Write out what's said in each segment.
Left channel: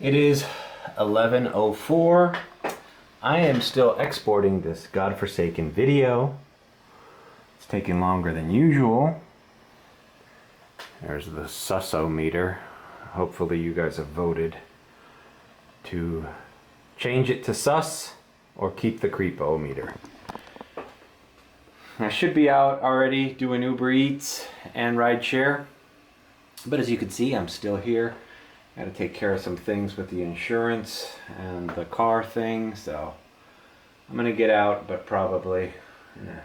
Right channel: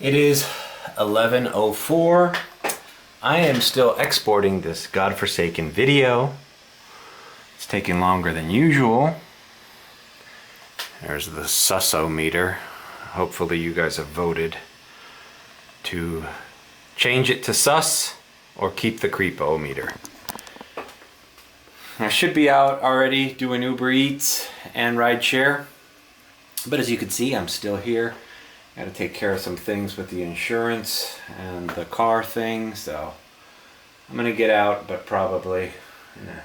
It is 11:04. I am still exporting this godforsaken video. It's taking longer than usual. There's the sus-o-meter. Hopefully you guys have voted to change it to sus or keep the creepo-meter. I should be out already doing Uber Eats and Rideshare, but as you can see, I'm still here. Got to take care of some things with the insurance and the car thing, so I'm gonna get out, but probably a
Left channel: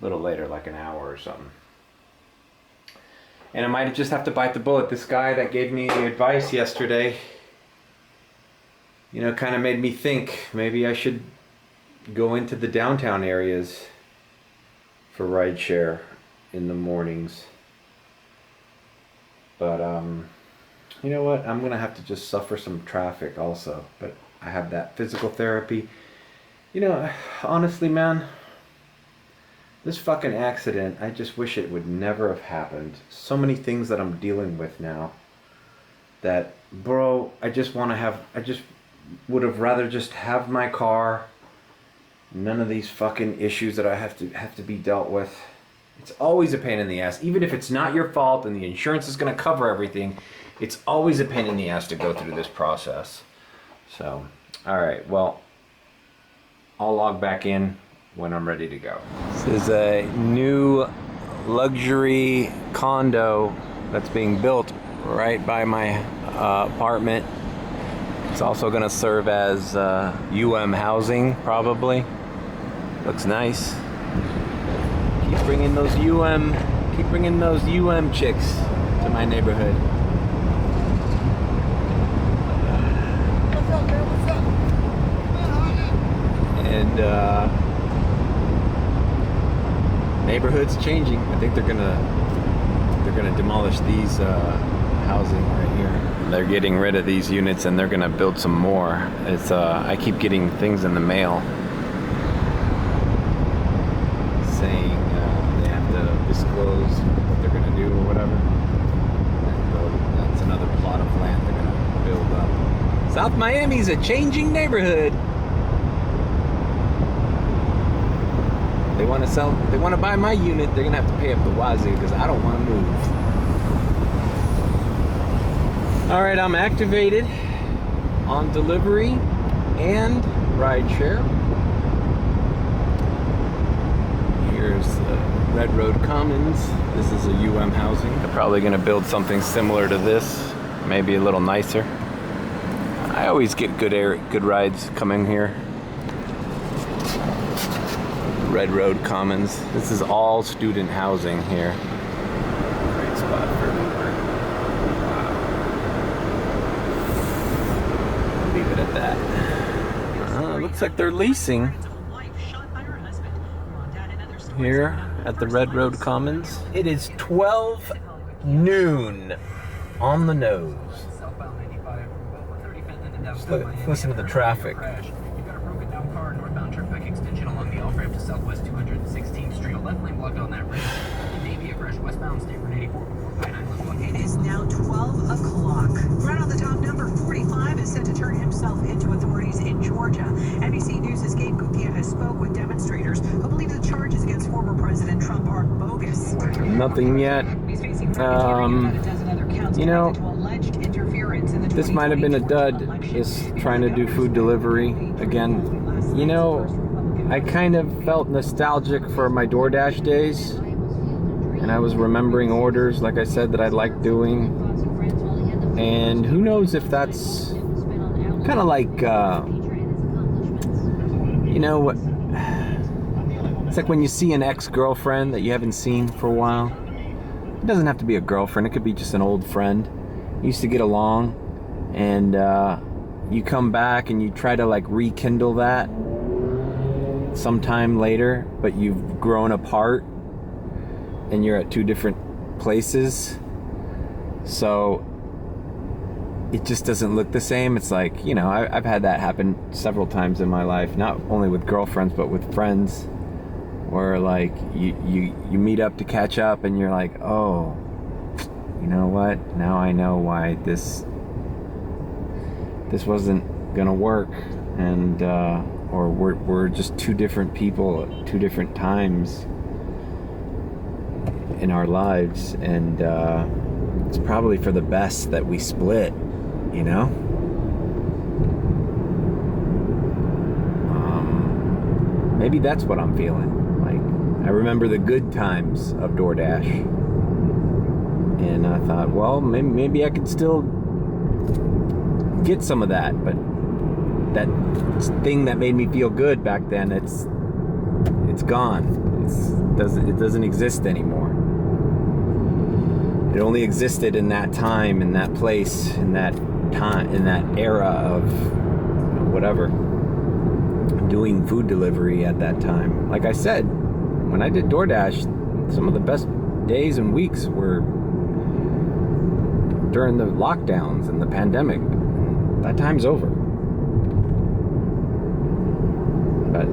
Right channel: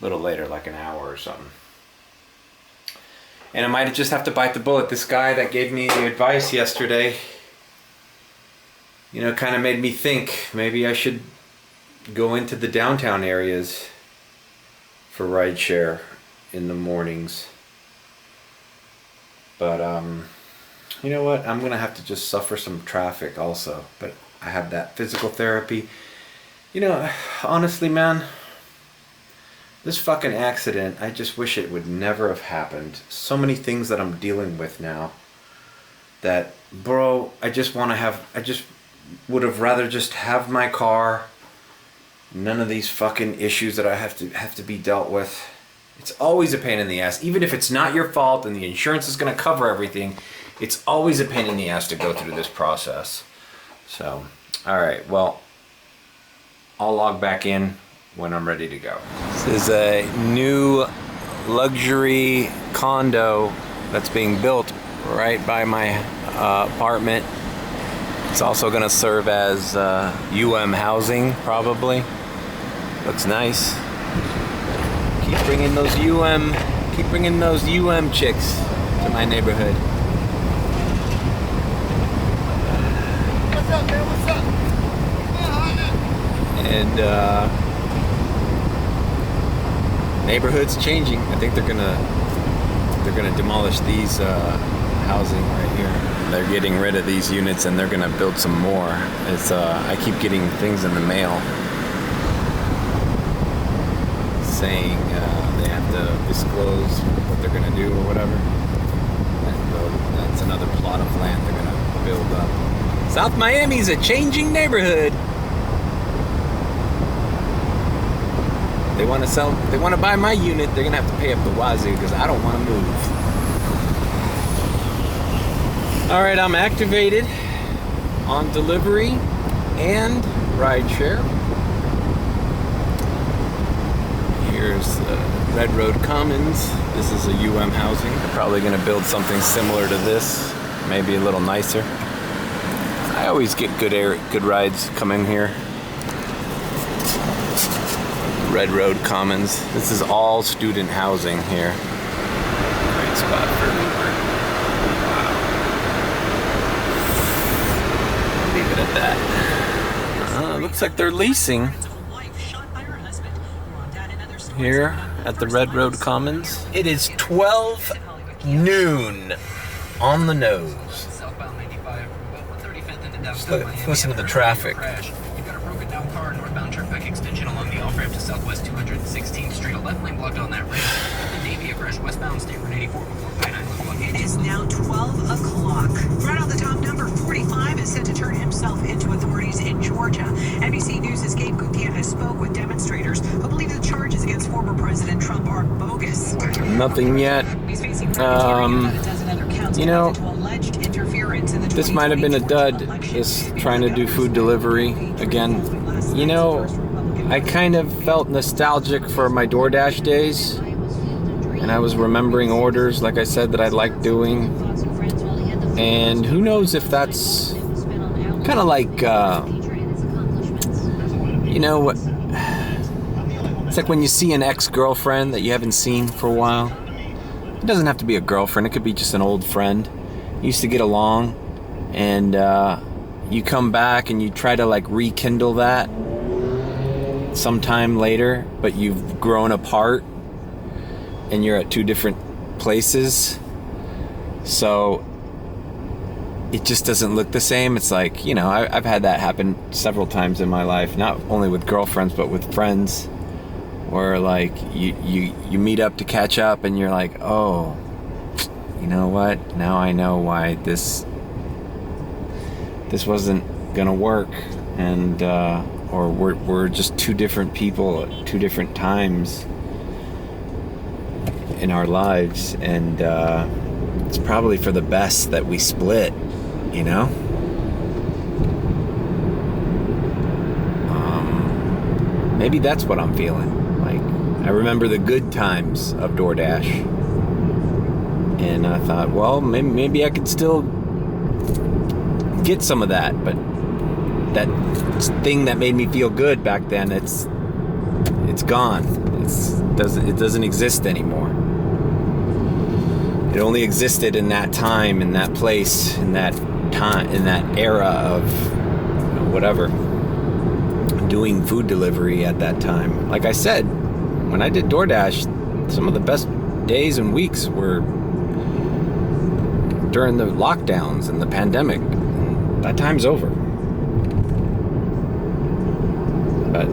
little later, like an hour or something. And I might just have to bite the bullet. This guy that gave me the advice yesterday, you know, kind of made me think maybe I should go into the downtown areas for Rideshare in the mornings. But you know what? I'm gonna have to just suffer some traffic also. But I have that physical therapy. You know, honestly, man, this fucking accident, I just wish it would never have happened. So many things that I'm dealing with now that, bro, I just would have rather just have my car. None of these fucking issues that I have to be dealt with. It's always a pain in the ass. Even if it's not your fault and the insurance is going to cover everything, it's always a pain in the ass to go through this process. So, all right, well, I'll log back in when I'm ready to go. This is a new luxury condo that's being built right by my apartment. It's also going to serve as housing, probably. Looks nice. Keep bringing those chicks to my neighborhood. What's up, man? What's up? And neighborhood's changing. I think they're gonna demolish these housing right here. They're getting rid of these units and they're gonna build some more. It's I keep getting things in the mail saying they have to disclose what they're gonna do or whatever. And that's another plot of land they're gonna build up. South Miami's a changing neighborhood. They want to buy my unit, they're gonna have to pay up the wazoo because I don't want to move. All right, I'm activated on delivery and Rideshare. Here's the Red Road Commons. This is a housing. They're probably gonna build something similar to this, maybe a little nicer. I always get good rides coming here. Red Road Commons. This is all student housing here. Great spot for Uber. Wow. I'll leave it at that. Looks like they're leasing here at the Red Road Commons. It is 12 noon on the nose. Just listen to the traffic. You've got a broken down car, northbound Turnpike extension along the off-ramp to Southwest 216th Street. A left lane blocked on that ramp. The Navy crash westbound State Road 84 before Pine Island. It is now 12 o'clock. Right on the top, number 45 is set to turn himself into authorities in Georgia. NBC News' Gabe Gutierrez has spoke with demonstrators who believe the charges against former President Trump are bogus. Nothing yet. You know, this might have been a dud, just trying to do food delivery again. You know, I kind of felt nostalgic for my DoorDash days, and I was remembering orders, like I said, that I liked doing. And who knows if that's kind of like, you know what? It's like when you see an ex-girlfriend that you haven't seen for a while. It doesn't have to be a girlfriend, it could be just an old friend. You used to get along, and you come back and you try to like rekindle that sometime later, but you've grown apart and you're at two different places, so it just doesn't look the same. It's like, you know, I've had that happen several times in my life, not only with girlfriends but with friends, where like you meet up to catch up and you're like, oh, you know what, now I know why this this wasn't gonna work, and or we're just two different people at two different times in our lives, and it's probably for the best that we split, you know? Maybe that's what I'm feeling. Like, I remember the good times of DoorDash, and I thought, well, maybe I could still get some of that, but that thing that made me feel good back then, it's gone. It doesn't exist anymore. It only existed in that time, in that place, in that time, in that era of whatever, doing food delivery at that time. Like I said, when I did DoorDash, some of the best days and weeks were during the lockdowns and the pandemic. That time's over. But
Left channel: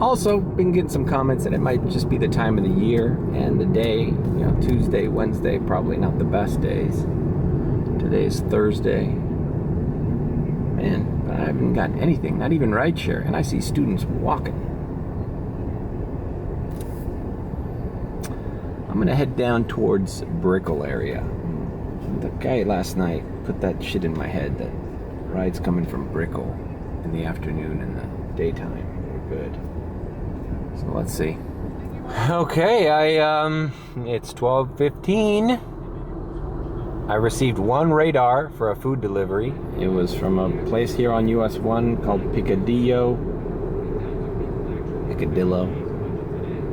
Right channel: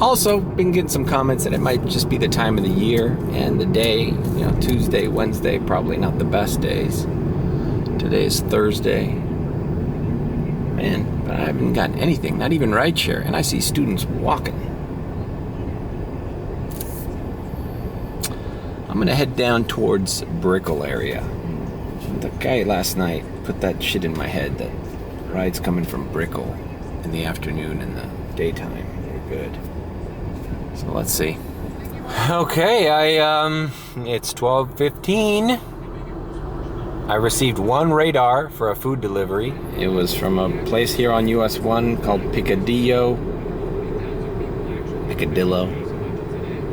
also been getting some comments that it might just be the time of the year and the day. You know, Tuesday, Wednesday, probably not the best days. Today is Thursday. Man, but I haven't gotten anything, not even rideshare, and I see students walking. I'm gonna head down towards Brickell area. The guy last night put that shit in my head that rides coming from Brickell in the afternoon and the daytime are good. So let's see. Okay, it's 12:15. I received one radar for a food delivery. It was from a place here on US 1 called Piccadillo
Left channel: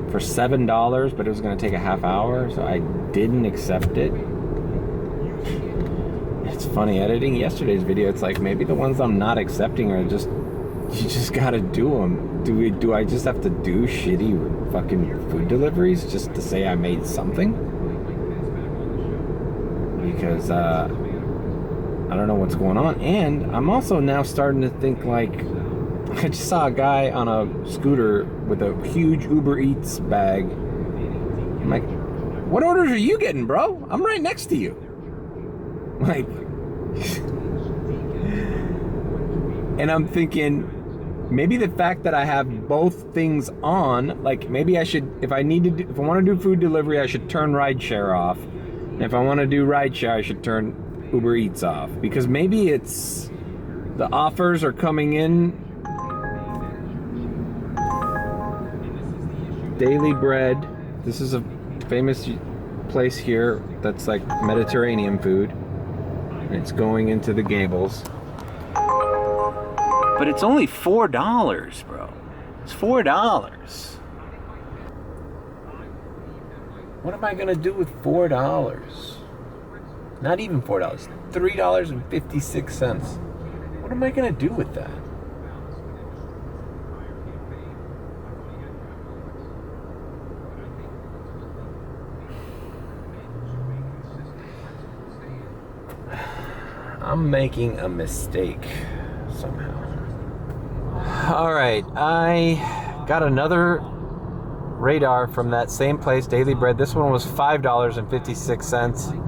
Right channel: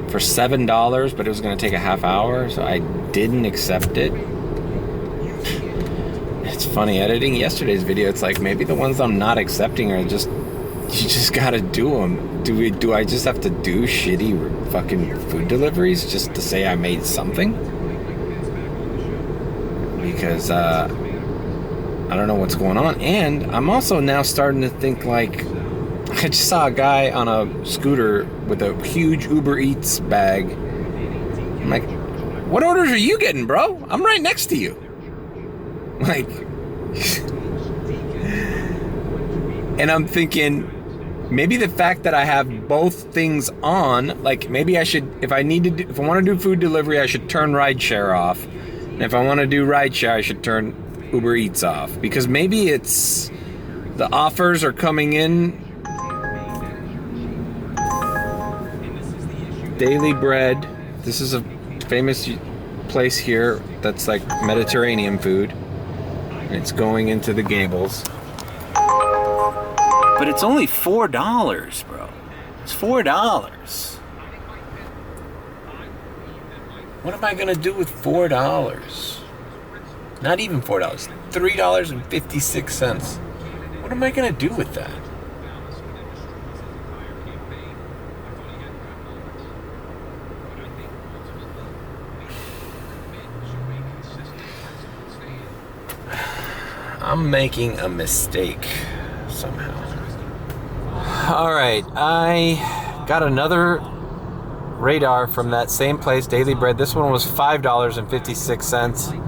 for $7, but it was going to take a half hour, so I didn't accept it. It's funny, editing yesterday's video, it's like maybe the ones I'm not accepting are just, you just gotta do them. Do I just have to do shitty fucking food deliveries just to say I made something? Because I don't know what's going on. And I'm also now starting to think, like, I just saw a guy on a scooter with a huge Uber Eats bag. I'm like, what orders are you getting, bro? I'm right next to you. Like, and I'm thinking, maybe the fact that I have both things on, like maybe I should, if I want to do food delivery, I should turn Rideshare off. And if I want to do Rideshare, I should turn Uber Eats off. Because maybe it's, the offers are coming in. Daily Bread. This is a famous place here that's like Mediterranean food. It's going into the Gables. But it's only $4, bro. It's $4. What am I gonna do with $4? Not even $4. $3.56. What am I gonna do with that? I'm making a mistake somehow. All right, I got another radar from that same place, Daily Bread. This one was $5.56.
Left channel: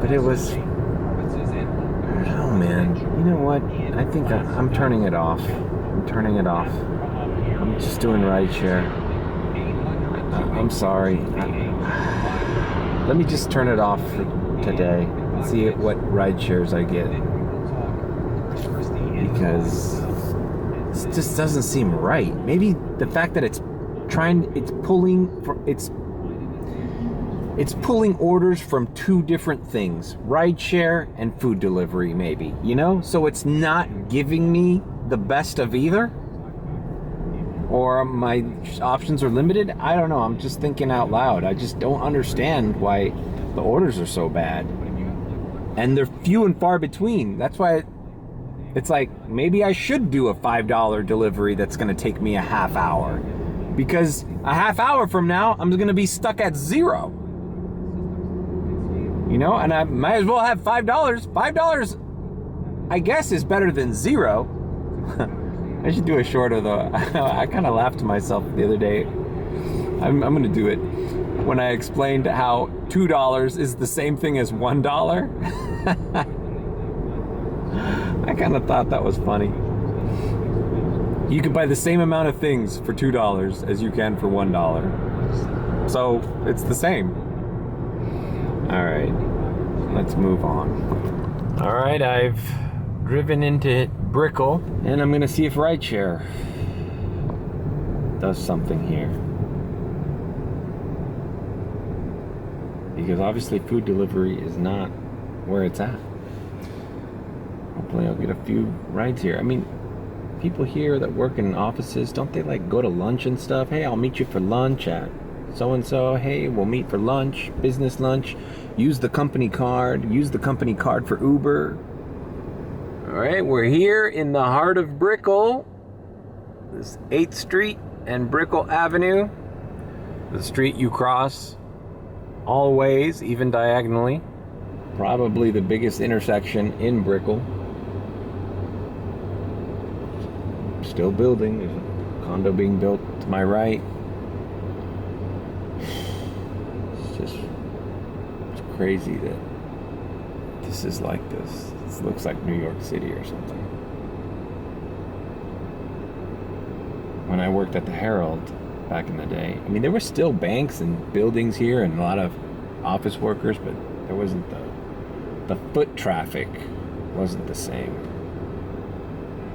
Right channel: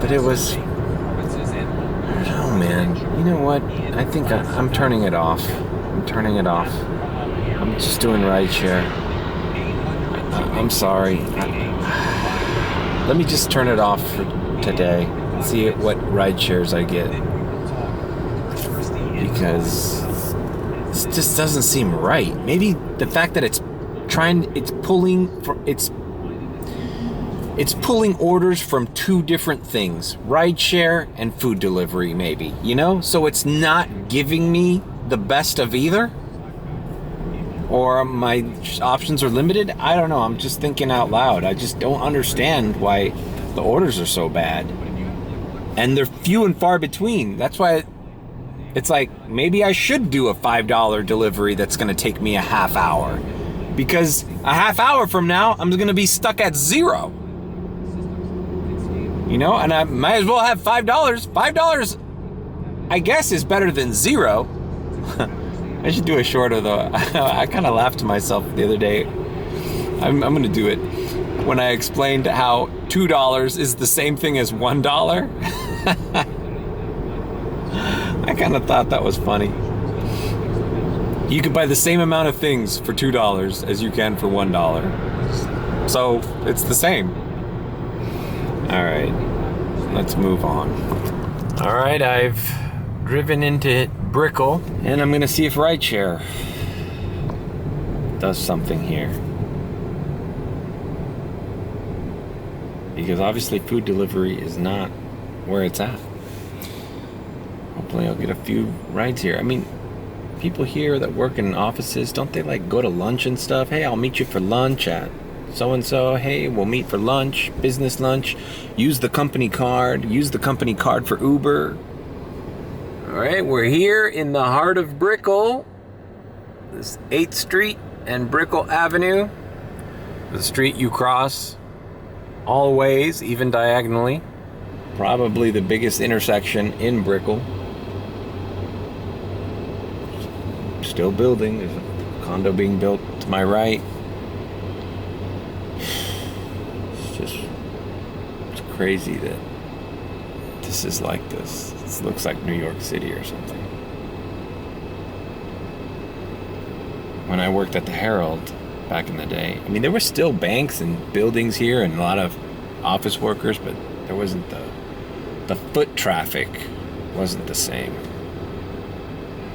But it was, oh man, you know what? I think I'm turning it off. I'm turning it off. I'm just doing Rideshare. I'm sorry. Let me just turn it off for today. See what Rideshares I get. Because this just doesn't seem right. Maybe the fact that it's pulling orders from two different things, Rideshare and food delivery, maybe, you know? So it's not giving me the best of either? Or my options are limited? I don't know, I'm just thinking out loud. I just don't understand why the orders are so bad. And they're few and far between. That's why it's like, maybe I should do a $5 delivery that's gonna take me a half hour. Because a half hour from now, I'm gonna be stuck at $0. You know, and I might as well have $5. $5, I guess, is better than $0. I should do a short of the, I kind of laughed to myself the other day. I'm gonna do it. when I explained how $2 is the same thing as $1. I kind of thought that was funny. You can buy the same amount of things for $2 as you can for $1. So it's the same. All right, let's move on. All right, I've driven into Brickell, and I'm gonna see if Rideshare does something here. Because obviously food delivery is not where it's at. Hopefully I'll get a few rides here. I mean, people here that work in offices, don't they like go to lunch and stuff? Hey, I'll meet you for lunch at so-and-so. Hey, we'll meet for lunch, business lunch. Use the company card for Uber. All right, we're here in the heart of Brickell. This 8th Street and Brickell Avenue. The street you cross all ways, even diagonally. Probably the biggest intersection in Brickell. Still building. There's a condo being built to my right. It's crazy that this is like this. This looks like New York City or something. When I worked at the Herald back in the day, I mean, there were still banks and buildings here and a lot of office workers, but there wasn't the foot traffic wasn't the same.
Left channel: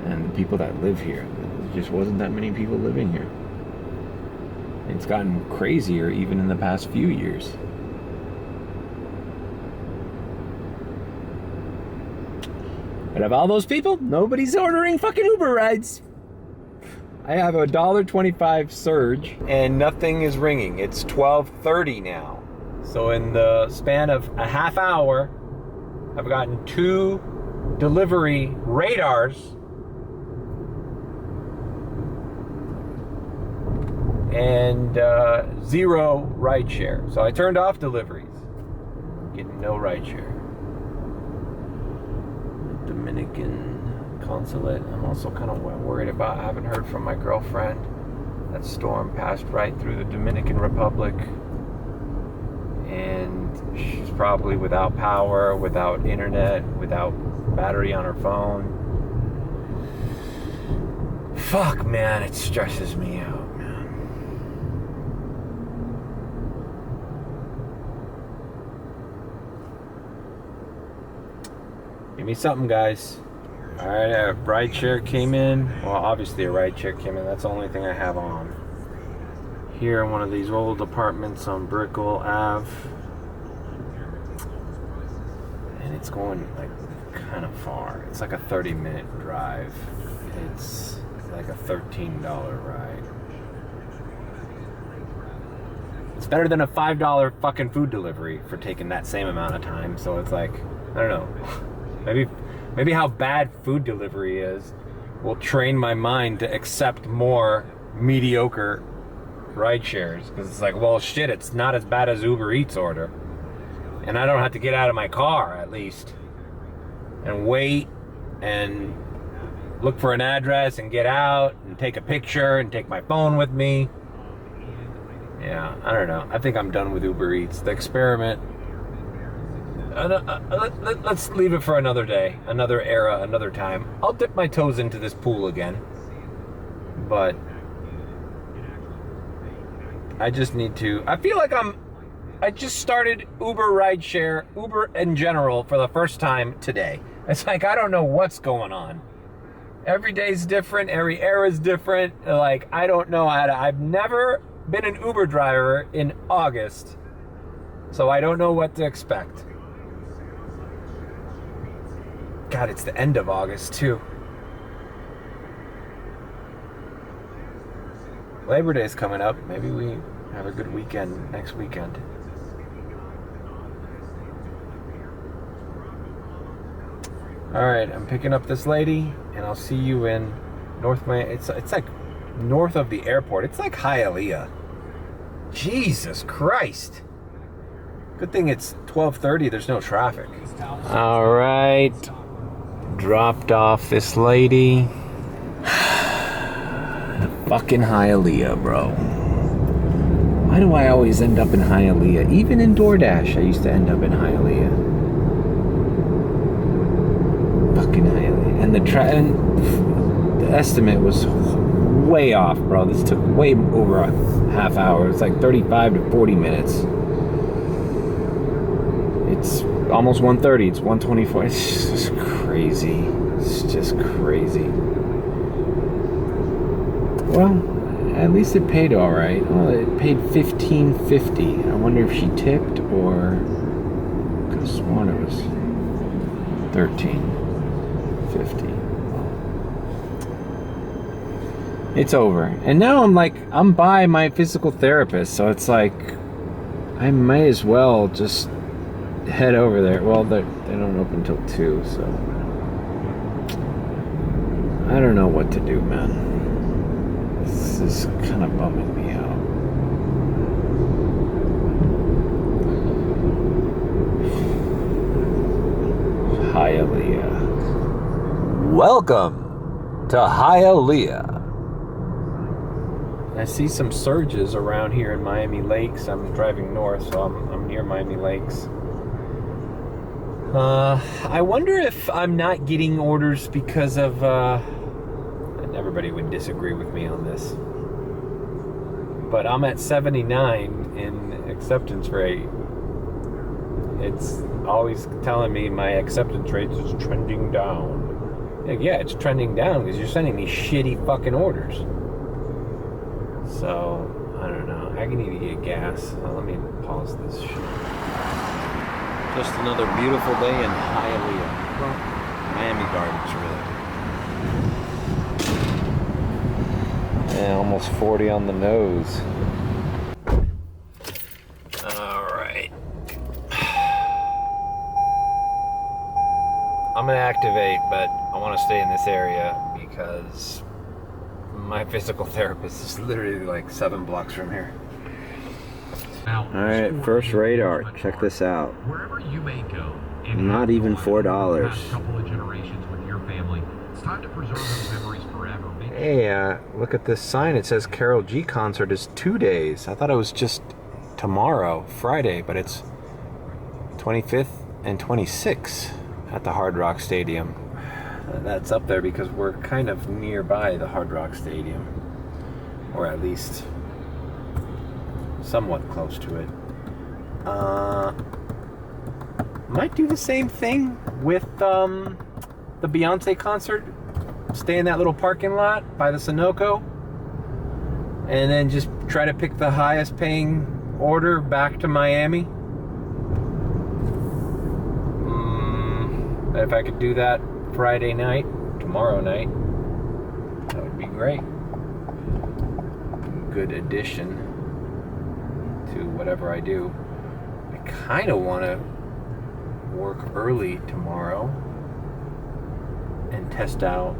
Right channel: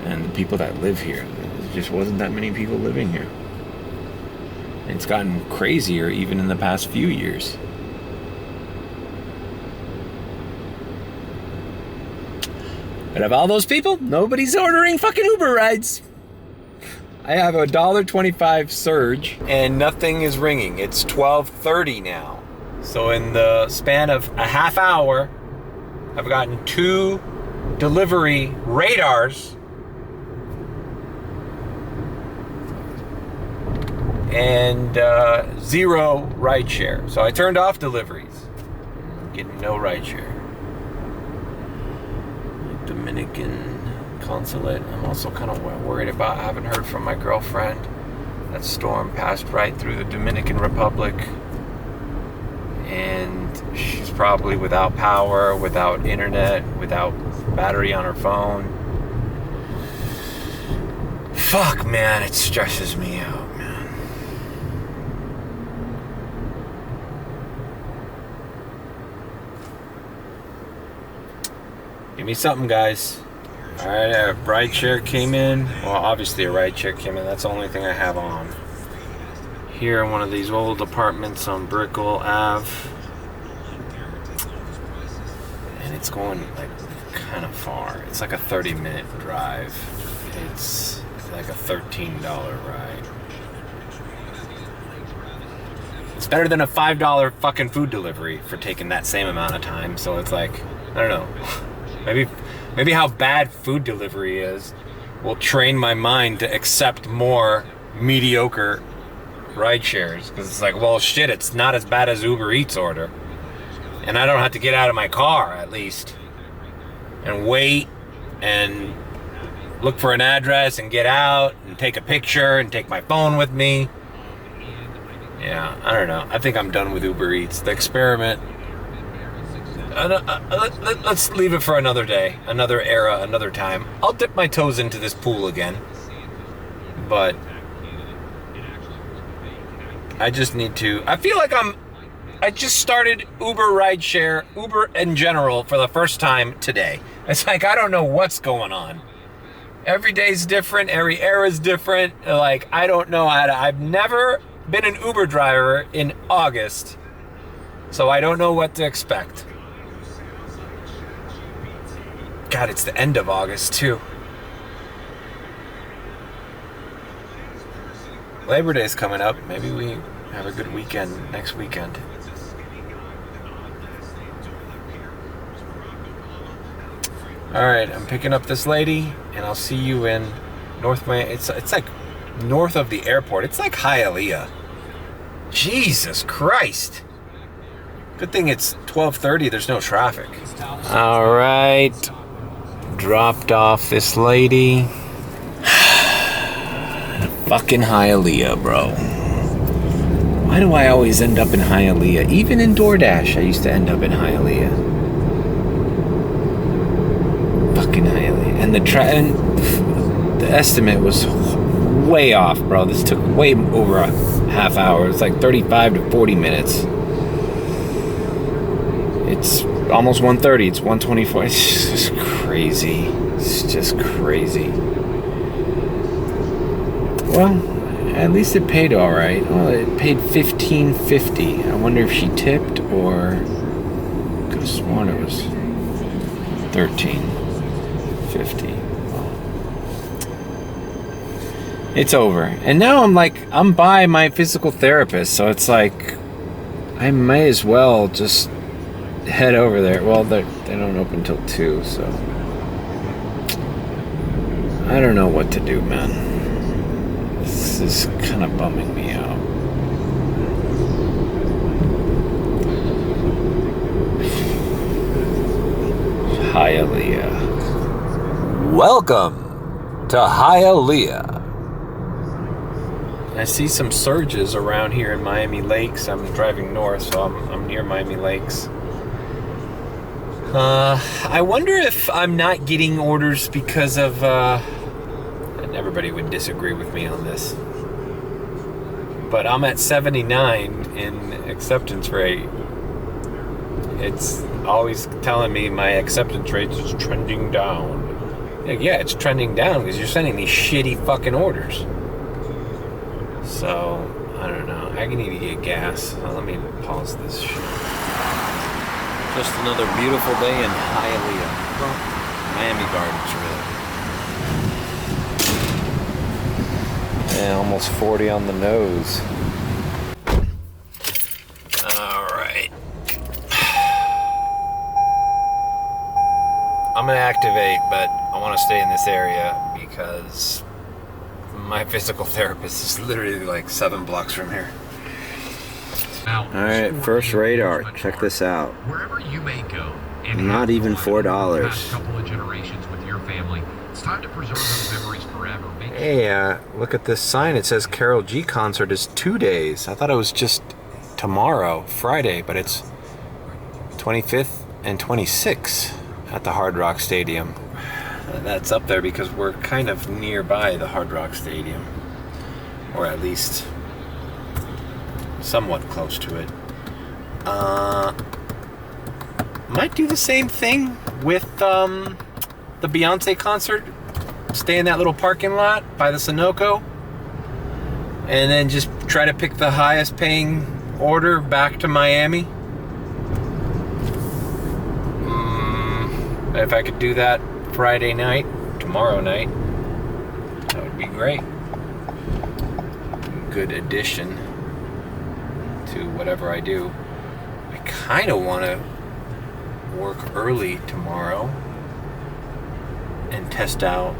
And the people that live here, there just wasn't that many people living here. It's gotten crazier even in the past few years. But of all those people, nobody's ordering fucking Uber rides. I have a $1.25 surge and nothing is ringing. It's 12:30 now. So in the span of a half hour, I've gotten 2 delivery radars and 0 rideshare. So I turned off deliveries. Getting no rideshare. Dominican consulate. I'm also kind of worried about, I haven't heard from my girlfriend. That storm passed right through the Dominican Republic. And she's probably without power, without internet, without battery on her phone. Fuck, man, it stresses me out, man. Give me something, guys. Alright, a rideshare came in. Well, obviously a rideshare came in. That's the only thing I have on. Here in one of these old apartments on Brickell Ave. And it's going like kind of far. It's like a 30-minute drive. It's like a $13 ride. It's better than a $5 fucking food delivery for taking that same amount of time. So it's like, I don't know. Maybe how bad food delivery is will train my mind to accept more mediocre ride shares. Because it's like, well, shit, it's not as bad as Uber Eats order. And I don't have to get out of my car, at least. And wait and look for an address and get out and take a picture and take my phone with me. Yeah, I don't know. I think I'm done with Uber Eats. The experiment. Let's leave it for another day, another era, another time. I'll dip my toes into this pool again. But I just need to, I feel like I just started Uber rideshare, Uber in general, for the first time today. It's like, I don't know what's going on. Every day's different, every era's different. Like, I don't know how to, I've never been an Uber driver in August, so I don't know what to expect. God, it's the end of August, too. Labor Day's coming up. Maybe we have a good weekend next weekend. Alright, I'm picking up this lady, and I'll see you in North Miami. It's like north of the airport. It's like Hialeah. Jesus Christ. Good thing it's 12:30. There's no traffic. Alright. Dropped off this lady. Fucking Hialeah, bro. Why do I always end up in Hialeah? Even in DoorDash, I used to end up in Hialeah. Fucking Hialeah. And the estimate was way off, bro. This took way over a half hour. It's like 35 to 40 minutes. It's almost 1:30. It's 1:24. It's just crazy. It's just crazy. Well, at least it paid all right. Well, it paid $15.50. I wonder if she tipped or could have sworn it was $13.50. It's over. And now I'm by my physical therapist, so it's like I may as well just head over there. Well, they don't open till 2, so I don't know what to do, man. This is kind of bumming me out. Hialeah. Welcome to Hialeah. I see some surges around here in Miami Lakes. I'm driving north, so I'm near Miami Lakes. I wonder if I'm not getting orders because of, and everybody would disagree with me on this, but I'm at 79 in acceptance rate. It's always telling me my acceptance rate is trending down. Yeah, it's trending down because you're sending these shitty fucking orders. So, I don't know. I need to get gas. Let me pause this shit. Just another beautiful day in Hialeah. Well, Miami Gardens, really. Yeah, almost 40 on the nose. All right. I'm gonna activate, but I want to stay in this area because my physical therapist is literally like 7 blocks from here. All right, first radar. Check this out. Wherever you may go, Not even $4. couple of generations with your family. It's time to preserve those memories forever. Hey, look at this sign. It says Karol G concert is 2 days. I thought it was just tomorrow, Friday, but it's 25th and 26th at the Hard Rock Stadium. That's up there because we're kind of nearby the Hard Rock Stadium, or at least somewhat close to it. Might do the same thing with the Beyonce concert. Stay in that little parking lot by the Sunoco, and then just try to pick the highest paying order back to Miami. If I could do that Friday night, tomorrow night, that would be great. Good addition to whatever I do. I kind of want to work early tomorrow and test out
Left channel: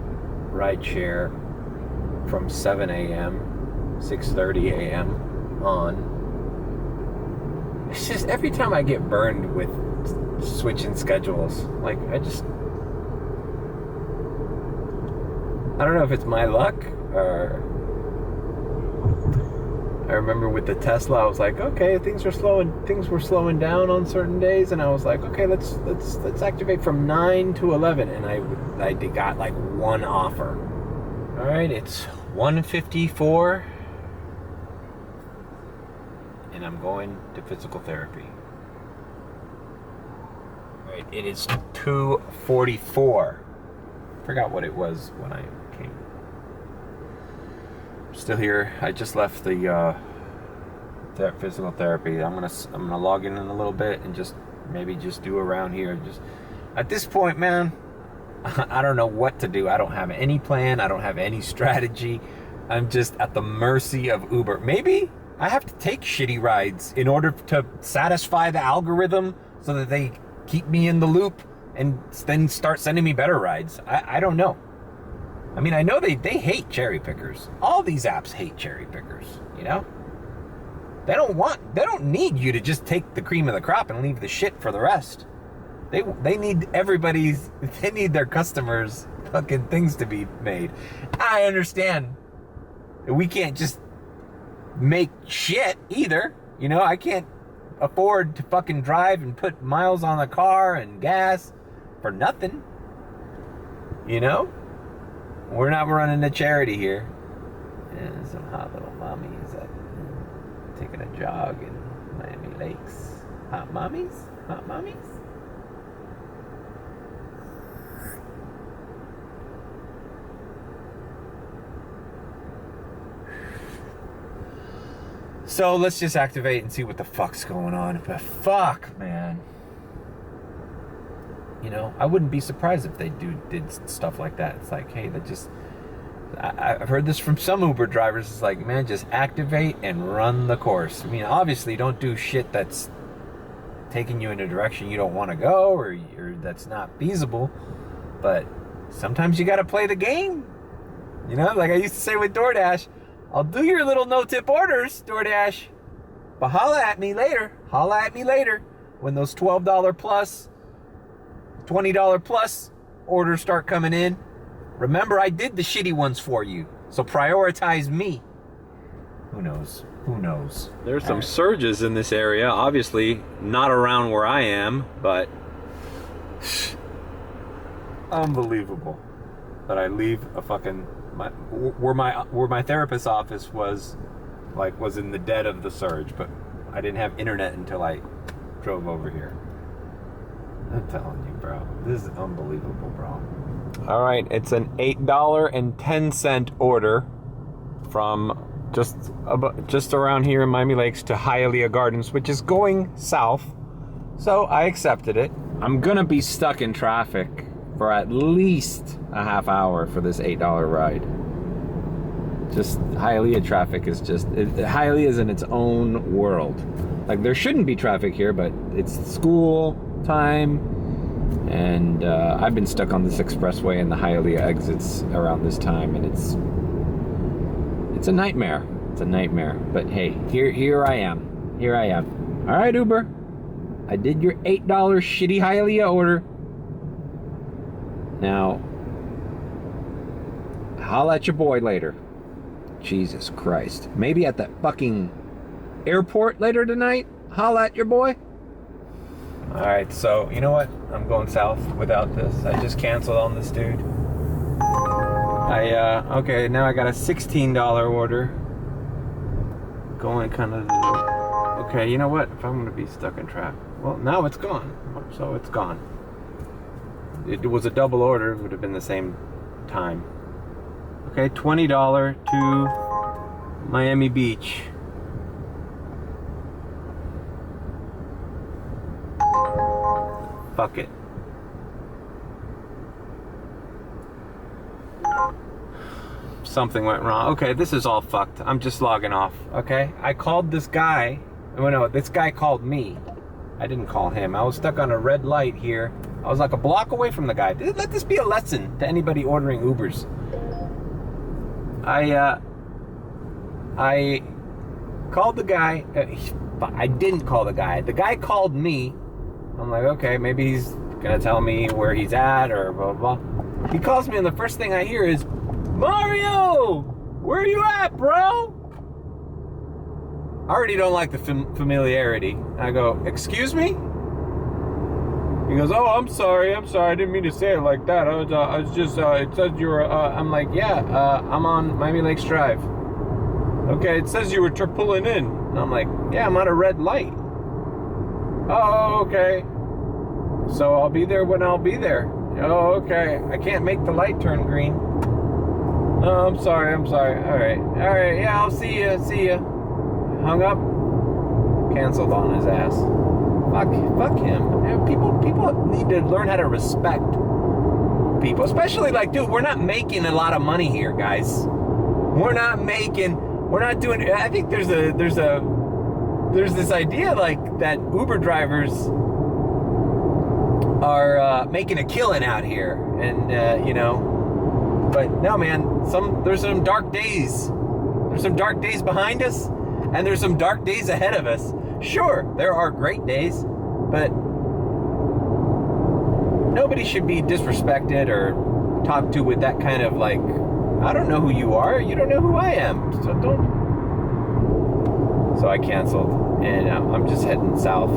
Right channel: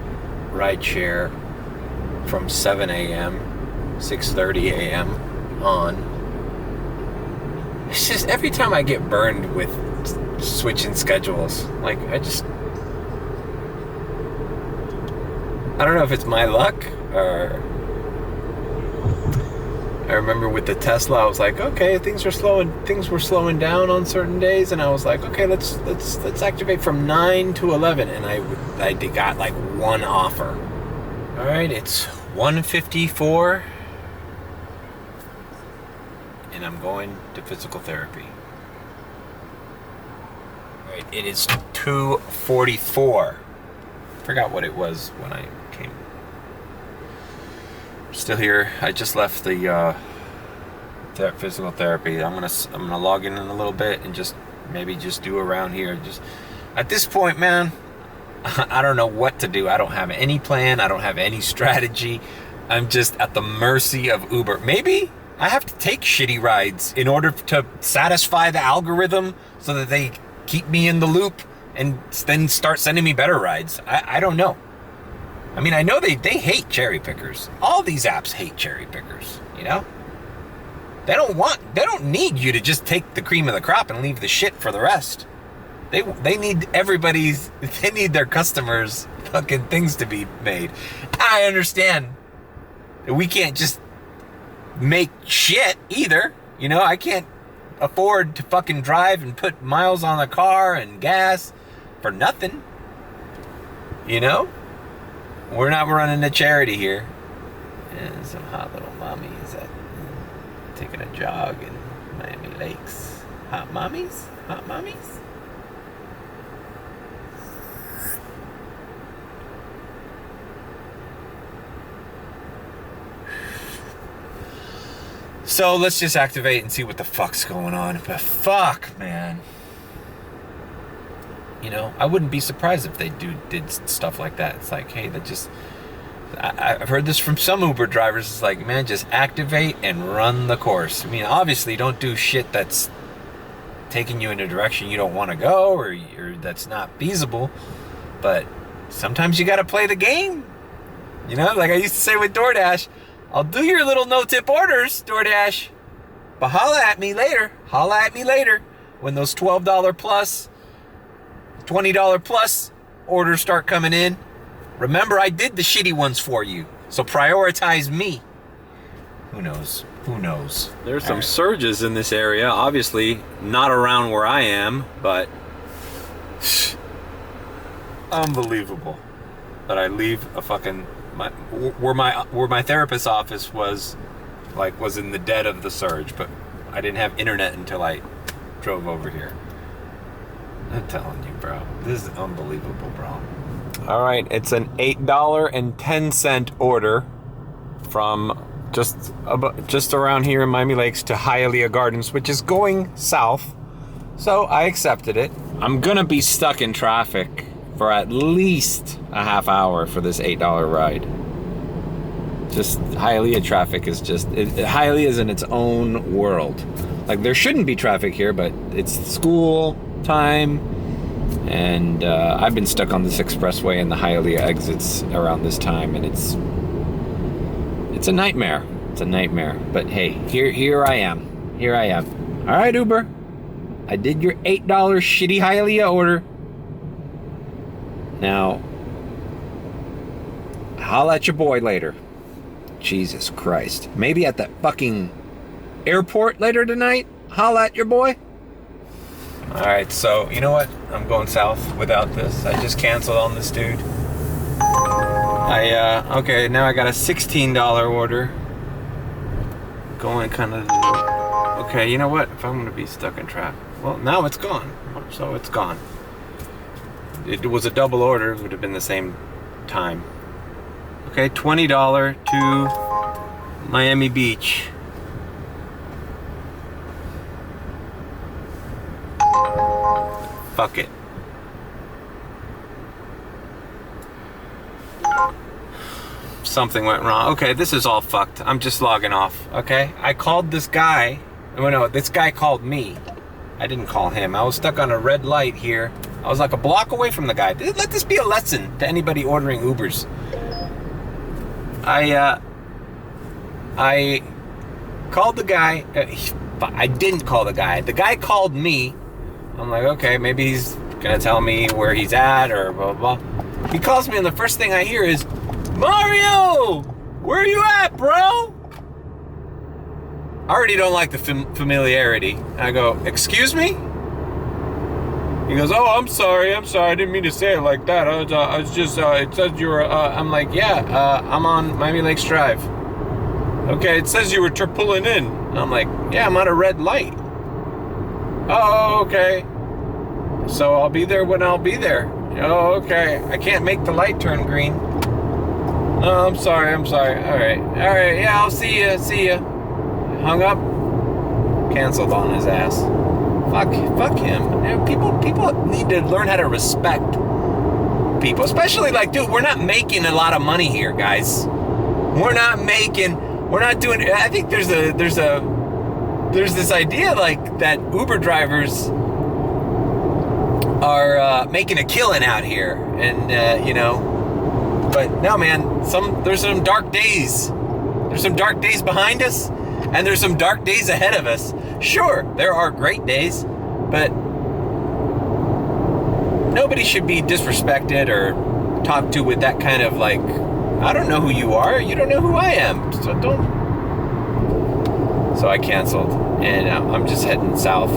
Rideshare from 7 a.m., 6:30 a.m. on. It's just every time I get burned with switching schedules, like I don't know if it's my luck or I remember with the Tesla, I was like, okay, things were slowing down on certain days, and I was like, okay, let's activate from 9 to 11, and I got like one offer. All right, it's 1:54, and I'm going to physical therapy. All right, it is 2:44. Forgot what it was when I came. Still here. I just left the physical therapy. I'm gonna log in a little bit and maybe do around here. Just at this point, man, I don't know what to do. I don't have any plan. I don't have any strategy. I'm just at the mercy of Uber. Maybe I have to take shitty rides in order to satisfy the algorithm so that they keep me in the loop and then start sending me better rides. I don't know. I mean, I know they hate cherry pickers. All these apps hate cherry pickers, you know? They don't need you to just take the cream of the crop and leave the shit for the rest. They need they need their customers' fucking things to be made. I understand that we can't just make shit either. You know, I can't afford to fucking drive and put miles on the car and gas for nothing. You know? We're not running a charity here. And some hot little mommies that taking a jog in Miami Lakes. Hot mommies? Hot mommies? So let's just activate and see what the fuck's going on. But fuck, man. You know, I wouldn't be surprised if they did stuff like that. It's like, hey, that just... I've heard this from some Uber drivers. It's like, man, just activate and run the course. I mean, obviously, don't do shit that's taking you in a direction you don't want to go or that's not feasible. But sometimes you got to play the game. You know, like I used to say with DoorDash, I'll do your little no-tip orders, DoorDash, but holla at me later. Holla at me later when those $12 plus, $20 plus orders start coming in. Remember, I did the shitty ones for you, so prioritize me. Who knows? Who knows? There's some surges in this area. Obviously, not around where I am, but unbelievable that I leave a fucking where my therapist's office was in the dead of the surge, but I didn't have internet until I drove over here. I'm telling you, bro, this is unbelievable, bro. All right, it's an $8.10 order from just around here in Miami Lakes to Hialeah Gardens, which is going south. So I accepted it. I'm gonna be stuck in traffic for at least a half hour for this $8 ride. Just Hialeah traffic is Hialeah is in its own world. Like there shouldn't be traffic here, but it's school time, and I've been stuck on this expressway and the Hialeah exits around this time, and it's a nightmare. It's a nightmare. But hey, here I am. Here I am. All right, Uber. I did your $8 shitty Hialeah order. Now, holla at your boy later. Jesus Christ. Maybe at that fucking airport later tonight. Holla at your boy. All right, so you know what? I'm going south without this. I just canceled on this dude. Okay, now I got a $16 order. Going kind of... Okay, you know what? If I'm going to be stuck in traffic... Well, now it's gone. So it's gone. It was a double order. It would have been the same time. Okay, $20 to Miami Beach. Fuck it. Something went wrong. Okay, this is all fucked. I'm just logging off, okay? I called this guy. Oh, no, this guy called me. I didn't call him. I was stuck on a red light here. I was like a block away from the guy. Let this be a lesson to anybody ordering Ubers. I called the guy. I didn't call the guy. The guy called me. I'm like, okay, maybe he's gonna tell me where he's at or blah, blah, blah. He calls me and the first thing I hear is, Mario, where are you at, bro? I already don't like the familiarity. I go, excuse me? He goes, oh, I'm sorry. I didn't mean to say it like that. I was just, it says you were, I'm like, yeah, I'm on Miami Lakes Drive. Okay, it says you were pulling in. I'm like, yeah, I'm on a red light. Oh, okay. So I'll be there when I'll be there. Oh, okay. I can't make the light turn green. Oh, I'm sorry. All right, yeah, I'll see ya. Hung up. Canceled on his ass. Fuck him. You know, people need to learn how to respect people, especially like, dude, we're not making a lot of money here, guys. We're not doing. I think there's this idea like that Uber drivers are making a killing out here, and you know. But no, man. There's some dark days. There's some dark days behind us, and there's some dark days ahead of us. Sure, there are great days, but nobody should be disrespected or talked to with that kind of like, I don't know who you are, you don't know who I am, so don't. So I canceled, and I'm just heading south.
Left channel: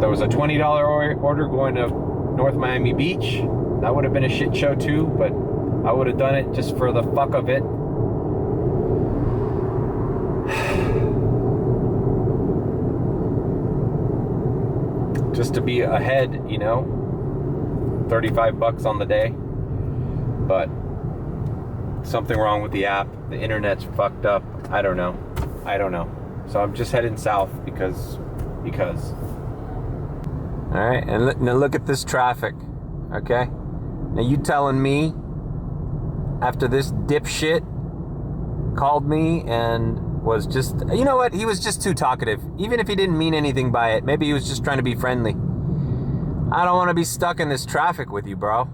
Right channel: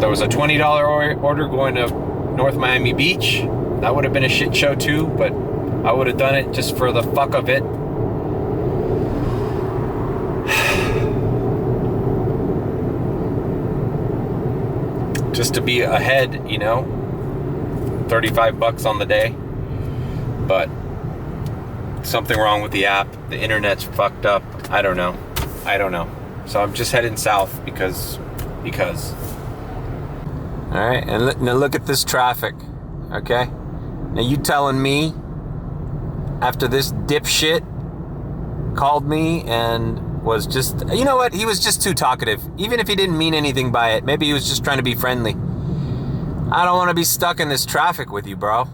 There was a $20 order going to North Miami Beach. That would have been a shit show too, but I would have done it just for the fuck of it. Just to be ahead, you know, $35 on the day. But something wrong with the app. The internet's fucked up. I don't know. So I'm just heading south because. All right, and now look at this traffic, okay? Now you telling me after this dipshit called me and was just, you know what? He was just too talkative. Even if he didn't mean anything by it, maybe he was just trying to be friendly. I don't want to be stuck in this traffic with you, bro. All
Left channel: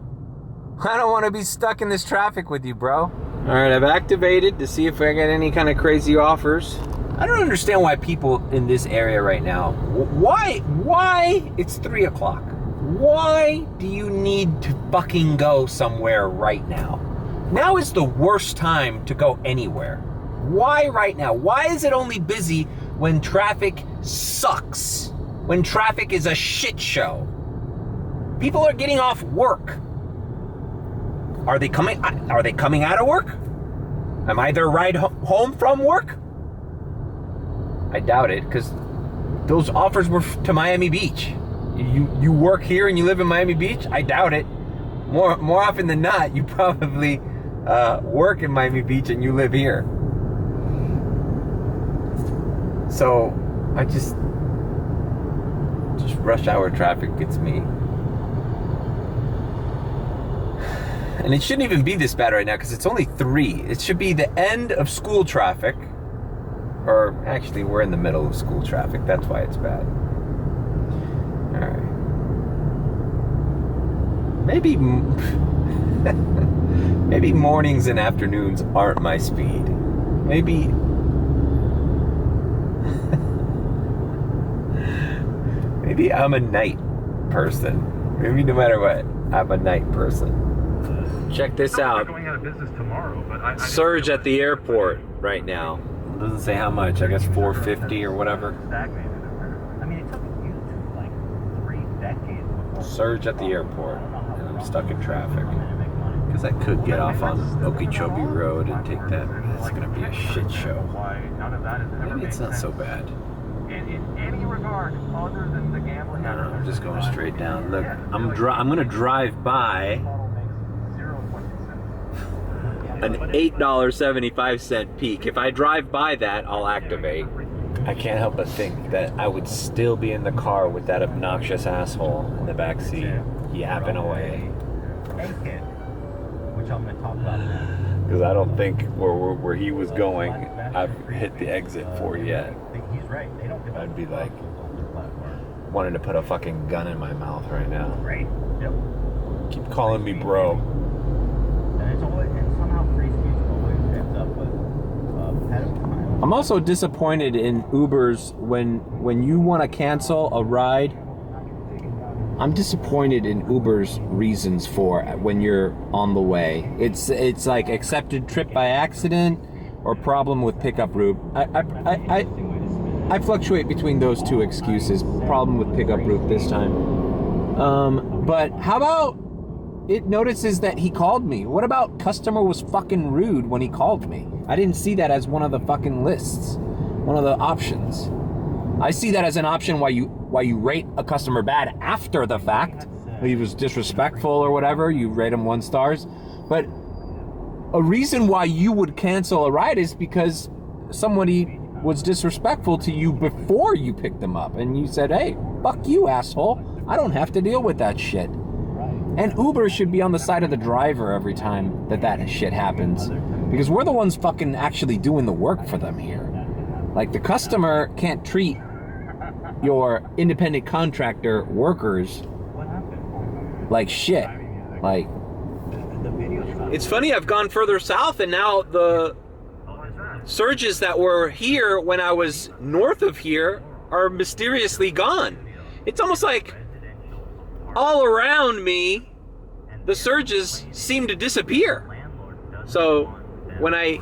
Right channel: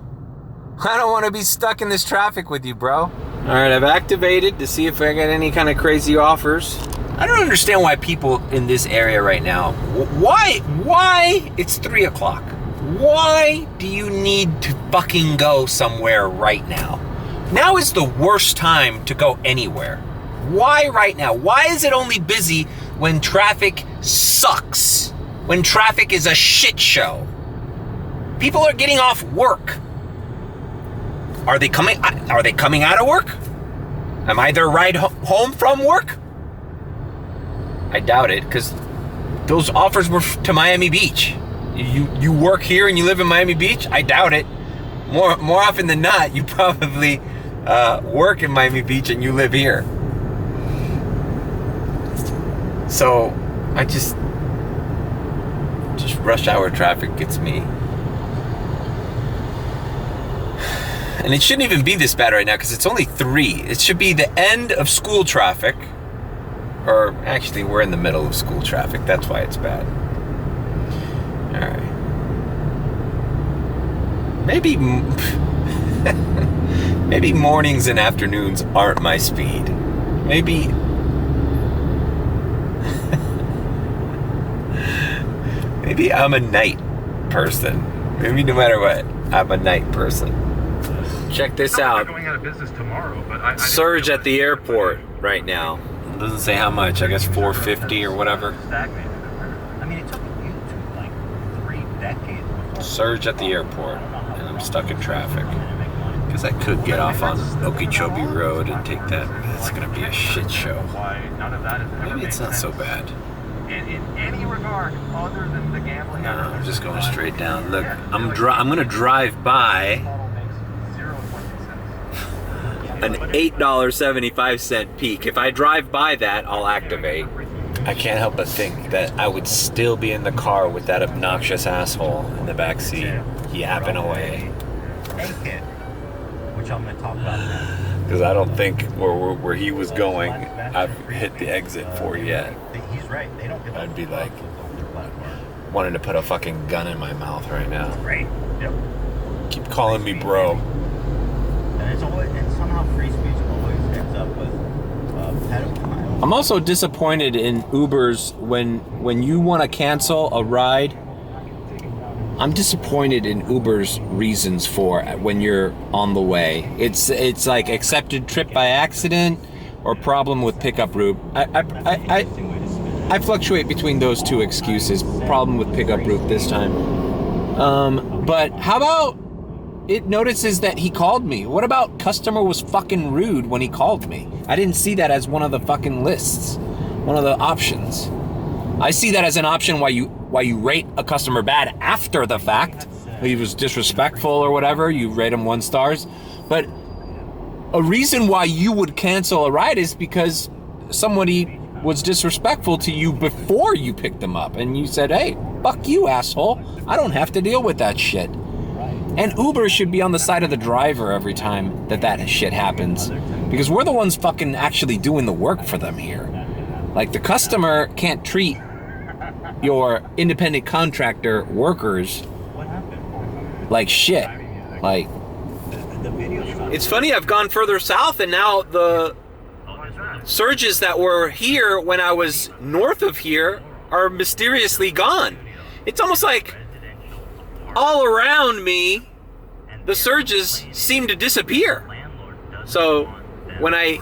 right, I've activated to see if I get any kind of crazy offers. I don't understand why people in this area right now, why, it's 3 o'clock. Why do you need to fucking go somewhere right now? Now is the worst time to go anywhere. Why right now? Why is it only busy when traffic sucks? When traffic is a shit show? People are getting off work. Are they coming out of work? Am I their ride home from work? I doubt it, because those offers were to Miami Beach. You work here and you live in Miami Beach? I doubt it. More often than not, you probably work in Miami Beach and you live here. So I just rush hour traffic gets me. And it shouldn't even be this bad right now because it's only 3. It should be the end of school traffic. Or actually, we're in the middle of school traffic. That's why it's bad. All right. Maybe mornings and afternoons aren't my speed. Maybe I'm a night person. Maybe no matter what, I'm a night person. Check this out. Going out of business tomorrow, but I Surge at the airport right now. It doesn't say how much. I guess $4.50 or whatever. I mean, it took you to like 3 decades before. Surge at the airport, and I'm stuck in traffic. Because I could get off on Okeechobee Road and take that. It's gonna be a shit show. Maybe it's not so bad. In any regard other than the gambling. No, I'm just going straight down. Look, I'm gonna drive by an $8.75 peak. If I drive by that, I'll activate. I can't help but think that I would still be in the car with that obnoxious asshole in the back seat, yapping away. Which I'm going to talk about now. Because I don't think where he was going, I've hit the exit for yet. He's right. They don't give I'd be like wanting to put a fucking gun in my mouth right now. Right. Yep. Keep calling me bro. And somehow free speech always ends up with pedophiles. I'm also disappointed in Ubers when you want to cancel a ride. I'm disappointed in Uber's reasons for when you're on the way. It's like accepted trip by accident or problem with pickup route. I fluctuate between those two excuses. Problem with pickup route this time. But how about it notices that he called me? What about customer was fucking rude when he called me? I didn't see that as one of the fucking lists, one of the options. I see that as an option why you rate a customer bad after the fact. He was disrespectful or whatever, you rate him 1 stars. But a reason why you would cancel a ride is because somebody was disrespectful to you before you picked them up. And you said, hey, fuck you, asshole. I don't have to deal with that shit. And Uber should be on the side of the driver every time that shit happens. Because we're the ones fucking actually doing the work for them here. Like, the customer can't treat your independent contractor workers like shit. Like, it's funny, I've gone further south and now the surges that were here when I was north of here are mysteriously gone. It's almost like all around me, the surges seem to disappear. So when I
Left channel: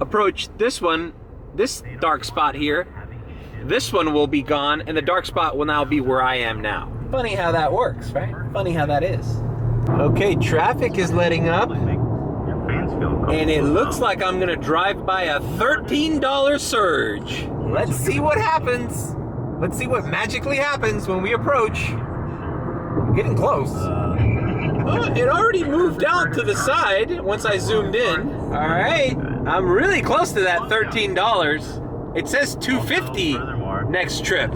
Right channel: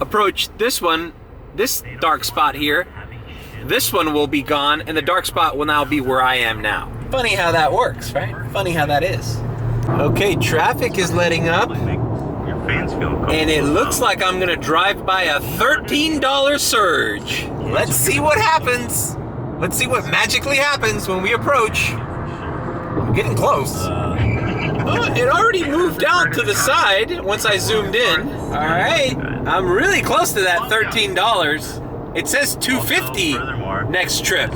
approach this one, this dark spot here, this one will be gone, and the dark spot will now be where I am now. Funny how that works, right? Funny how that is. Okay, traffic is letting up, and it looks like I'm gonna drive by a $13 surge. Let's see what happens. Let's see what magically happens when we approach. I'm getting close. It already moved out to the side once I zoomed in. All right, I'm really close to that $13. It says $250 next trip.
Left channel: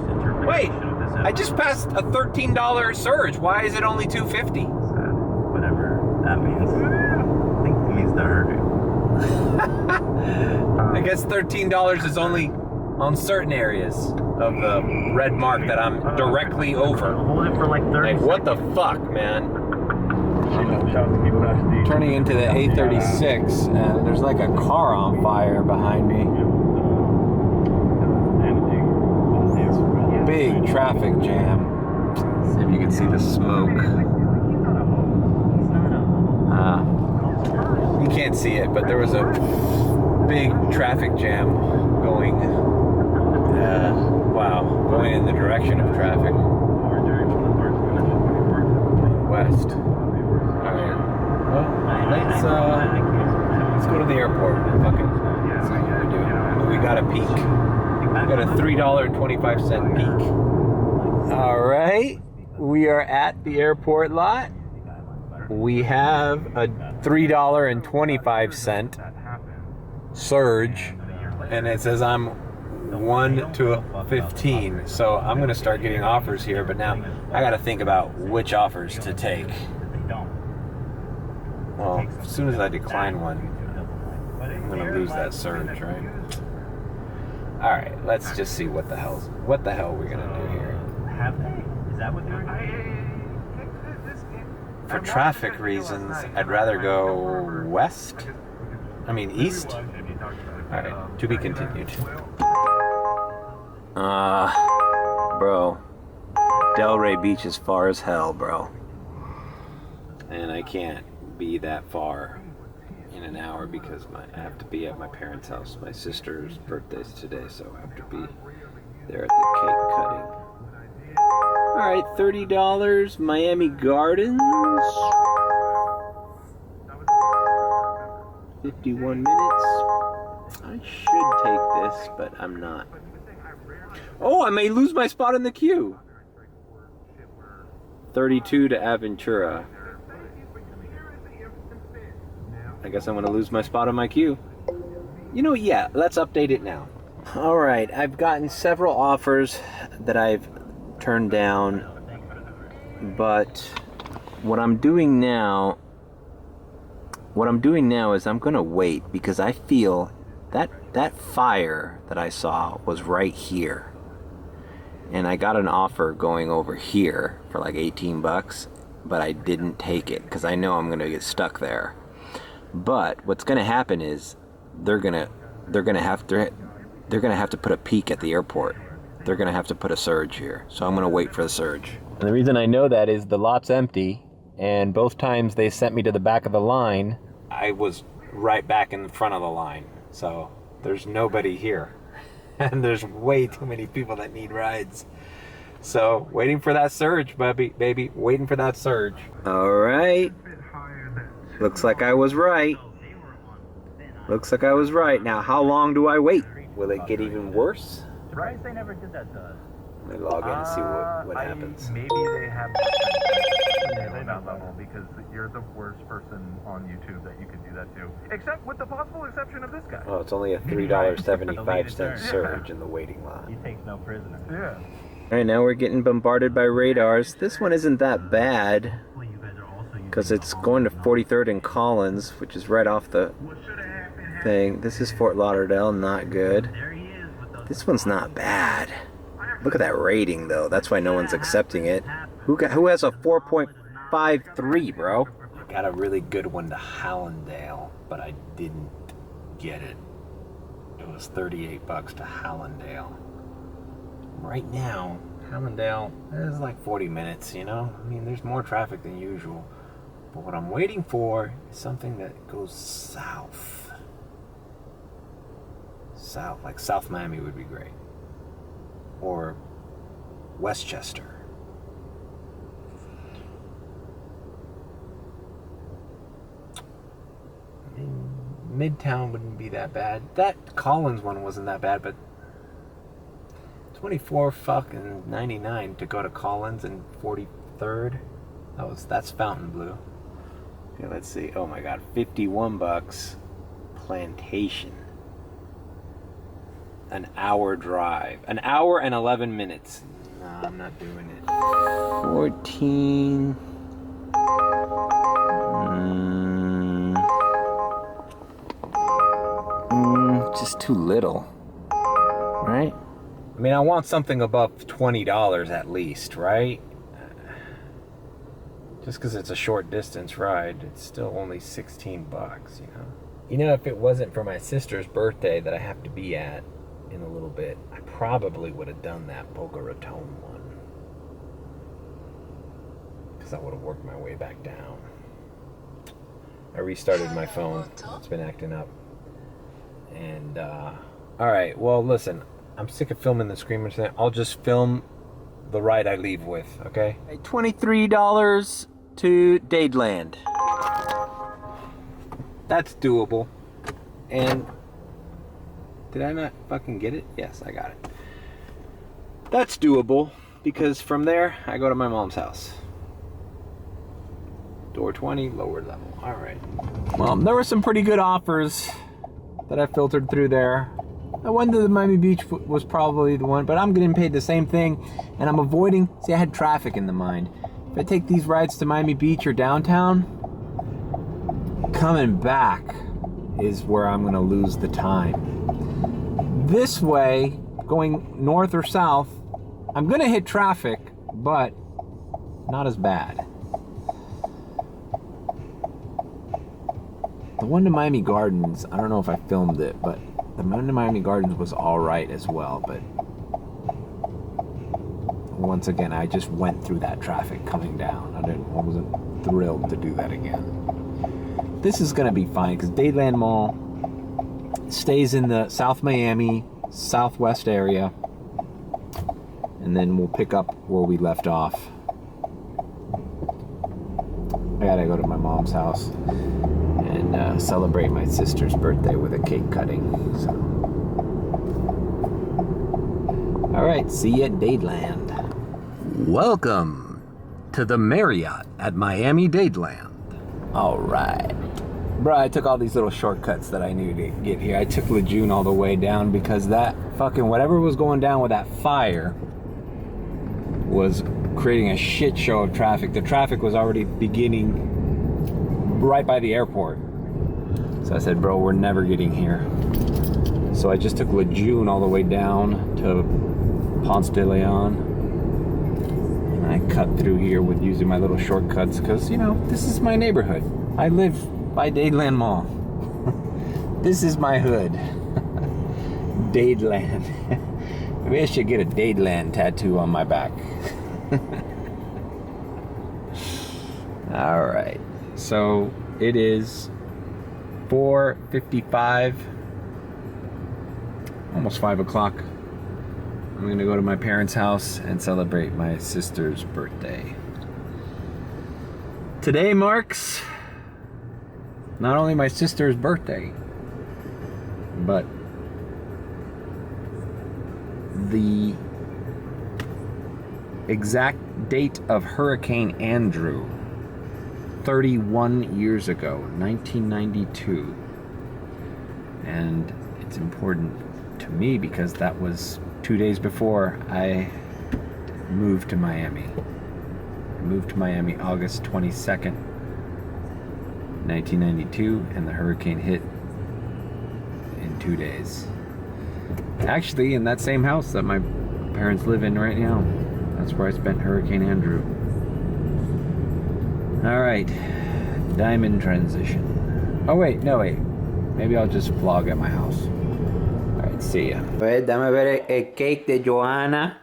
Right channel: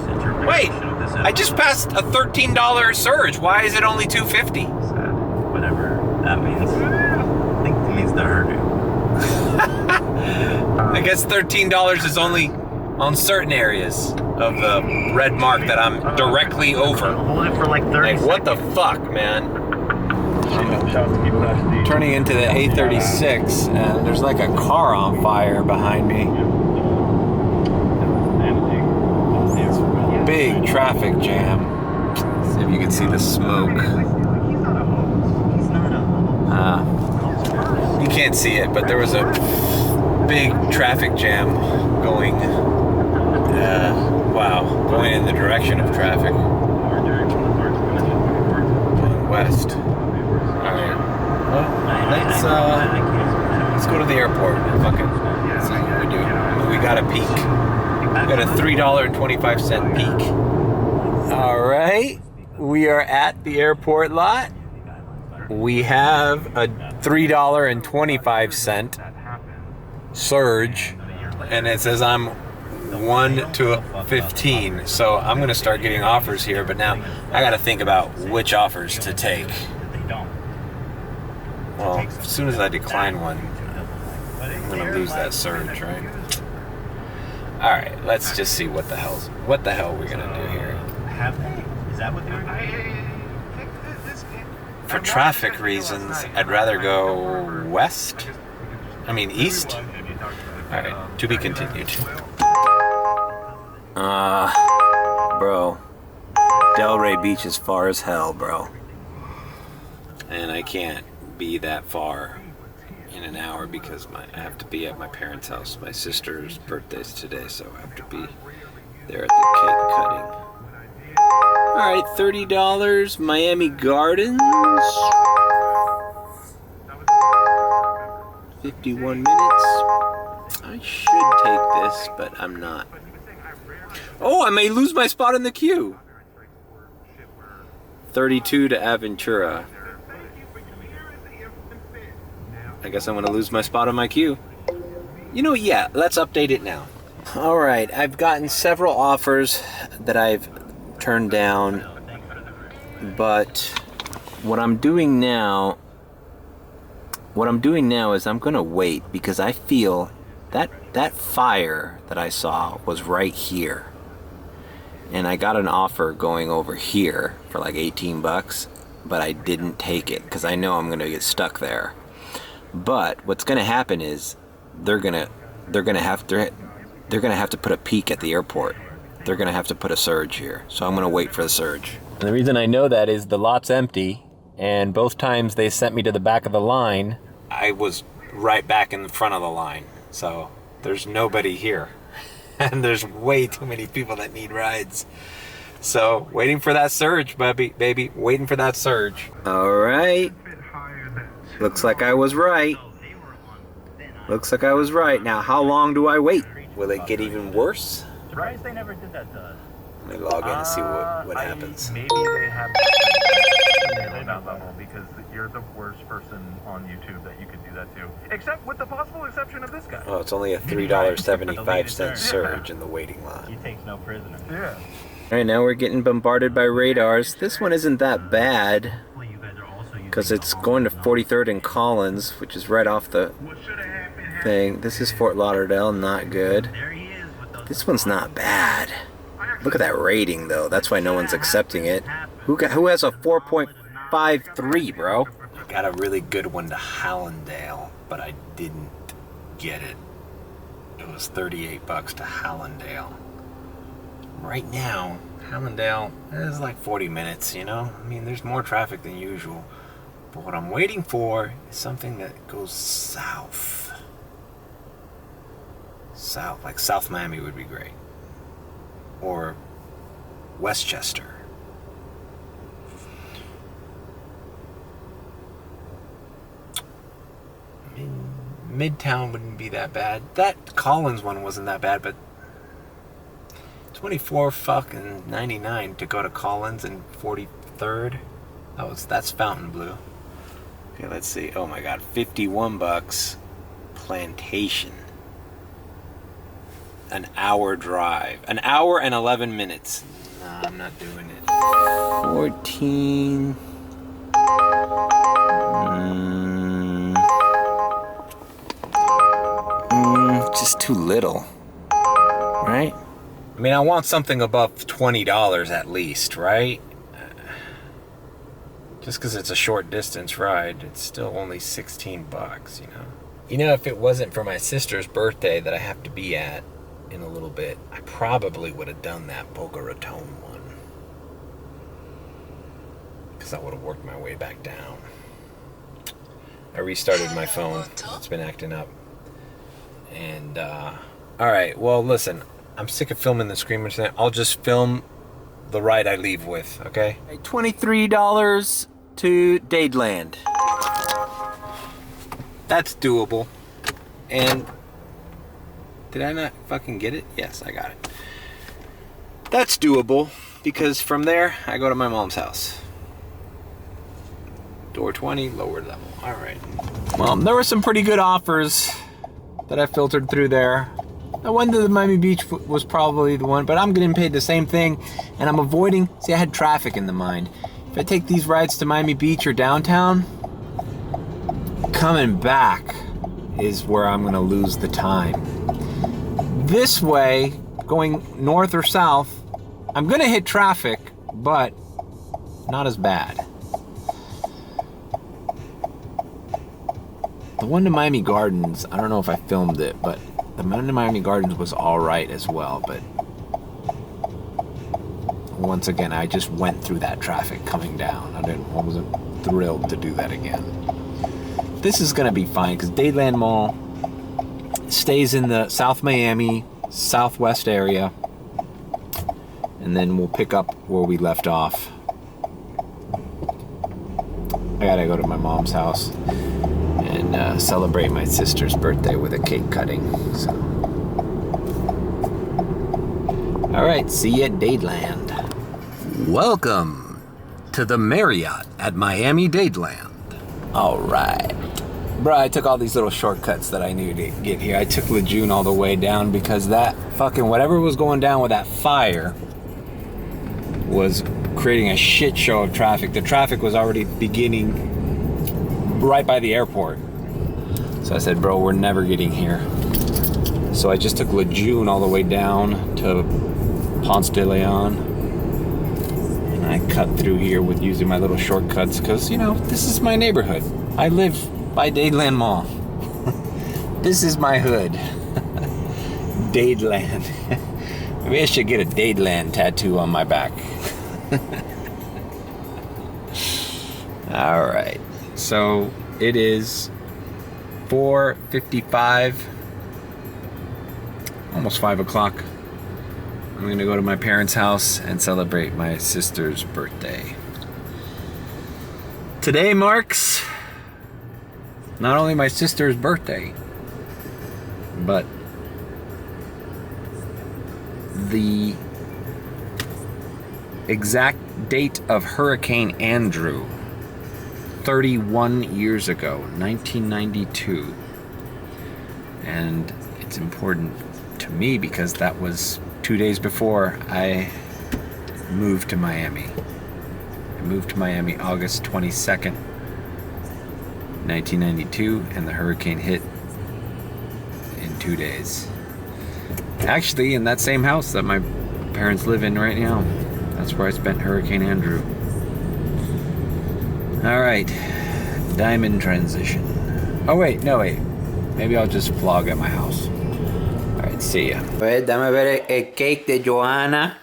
Wait, I just passed a $13 surge. Why is it only $250? Whatever that means. I think it means the hurry. I guess $13 is only on certain areas of the red mark that I'm directly over. Hold it for like 30 Like, what the fuck, man? I'm turning into the A36, and there's like a car on fire behind me. Big traffic jam. See if you can see the smoke. You can't see it, but there was a big traffic jam going. Going in the direction of traffic. Going west. Alright. Well, let's go to the airport. Fuck it. Let's see what we do. We got a peak. We got a $3.25 peak. Alright. We are at the airport lot. We have a $3.25 surge, and it says I'm 1 to 15, so I'm gonna start getting offers here, but now I gotta think about which offers to take. Well, as soon as I decline one, I'm gonna lose that surge, right? Alright, let's just see what the hell we're gonna do here. Have they? Is that what they were doing? For traffic reasons, I'd rather go east. Alright, to be continued. Bro. Delray Beach is far as hell, bro. And I can't be that far in an hour because I have to be at my parents' house. My sister's birthday's today, so I have to be there at the cake cutting. Alright, $30, Miami Gardens. 51 minutes. I should take this, but I'm not. Oh, I may lose my spot in the queue. 32 to Aventura. I guess I'm gonna lose my spot on my queue. You know, yeah, let's update it now. Alright, I've gotten several offers that I've turned down, but what I'm doing now is I'm gonna wait, because I feel that fire that I saw was right here, and I got an offer going over here for like 18 bucks, but I didn't take it because I know I'm gonna get stuck there. But what's gonna happen is they're gonna have to put a peak at the airport. They're gonna have to put a surge here, so I'm gonna wait for the surge. And the reason I know that is the lot's empty, and both times they sent me to the back of the line, I was right back in the front of the line. So there's nobody here, and there's way too many people that need rides. So waiting for that surge, baby, waiting for that surge. All right, looks like I was right. Now, how long do I wait? Will it get even worse? Surprised they never did that to us. Let me log in and see what happens. Maybe they have that level, because you're the worst person on YouTube that you could do that to. Except with the possible exception of this guy. Oh, it's only a $3.75 surge in the waiting line. He takes no prisoners. Yeah. Alright, now we're getting bombarded by radars. This one isn't that bad, because it's going to 43rd and Collins, which is right off the thing. This is Fort Lauderdale, not good. This one's not bad. Look at that rating, though. That's why no one's accepting it. Who has a 4.53, bro? I got a really good one to Hallandale, but I didn't get it. It was 38 bucks to Hallandale. Right now, Hallandale is like 40 minutes, you know? I mean, there's more traffic than usual. But what I'm waiting for is something that goes south. South, like South Miami would be great. Or Westchester. Midtown wouldn't be that bad. That Collins one wasn't that bad, but 24 fucking 99 to go to Collins and 43rd. That's Fontainebleau. Okay, let's see. Oh my god, 51 bucks. Plantation. An hour drive. An hour and 11 minutes. Nah, I'm not doing it. 14. Just too little. Right? I mean, I want something above $20 at least, right? Just because it's a short distance ride, it's still only 16 bucks, you know? You know, if it wasn't for my sister's birthday that I have to be at in a little bit, I probably would have done that Boca Raton one. Because I would have worked my way back down. I restarted my phone. It's been acting up. And, alright, well, listen. I'm sick of filming the Screamers thing. I'll just film the ride I leave with, okay? $23 to Dadeland. That's doable. And did I not fucking get it? Yes, I got it. That's doable because from there I go to my mom's house. Door 20, lower level. All right. Well, there were some pretty good offers that I filtered through there. The one to the Miami Beach was probably the one, but I'm getting paid the same thing, and I'm avoiding. See, I had traffic in the mind. If I take these rides to Miami Beach or downtown, coming back is where I'm gonna lose the time. This way, going north or south, I'm gonna hit traffic, but not as bad. The one to Miami Gardens, I don't know if I filmed it, but the one to Miami Gardens was all right as well, but once again, I just went through that traffic coming down. I wasn't thrilled to do that again. This is gonna be fine because Dadeland Mall stays in the South Miami, Southwest area, and then we'll pick up where we left off. I gotta go to my mom's house and celebrate my sister's birthday with a cake cutting. So, all right, see you at Dadeland. Welcome to the Marriott at Miami Dadeland. All right. Bro, I took all these little shortcuts that I knew to get here. I took Lejeune all the way down because that fucking whatever was going down with that fire was creating a shit show of traffic. The traffic was already beginning right by the airport. So I said, bro, we're never getting here. So I just took Lejeune all the way down to Ponce de Leon. And I cut through here with using my little shortcuts because, you know, this is my neighborhood. I live by Dadeland Mall. This is my hood. Dadeland. Maybe I should get a Dadeland tattoo on my back. All right. So it is 4:55, almost 5 o'clock. I'm going to go to my parents' house and celebrate my sister's birthday. Today marks not only my sister's birthday, but the exact date of Hurricane Andrew, 31 years ago, 1992. And it's important to me because that was 2 days before I moved to Miami. I moved to Miami August 22nd, 1992, and the hurricane hit in 2 days. Actually, in that same house that my parents live in right now. That's where I spent Hurricane Andrew. All right, diamond transition. Oh wait, no wait. Maybe I'll just vlog at my house. All right, see ya. Wait, dame ver el cake de Joanna.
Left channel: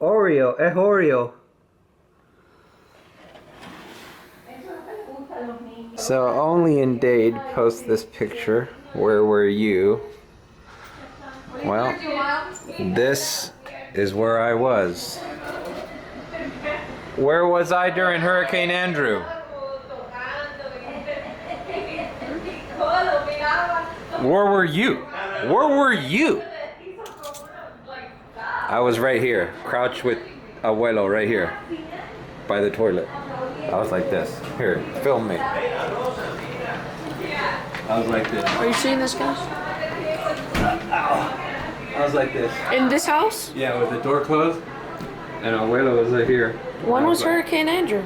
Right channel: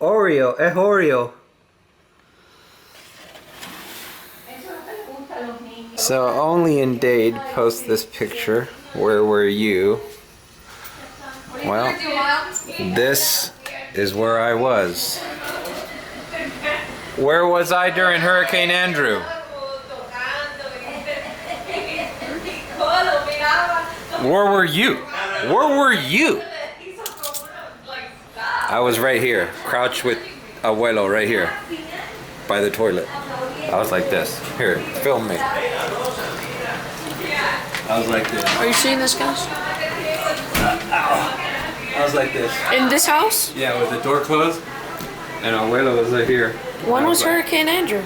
Oreo, es Oreo. So only in Dade post this picture. Where were you? Well, this is where I was. Where was I during Hurricane Andrew? Where were you? Where were you? I was right here, crouched with Abuelo right here, by the toilet. I was like this. Here, film me. I was like this. Are you seeing this, guys? I was like this. In this house? Yeah, with the door closed. And Abuelo was right here. When was Hurricane Andrew?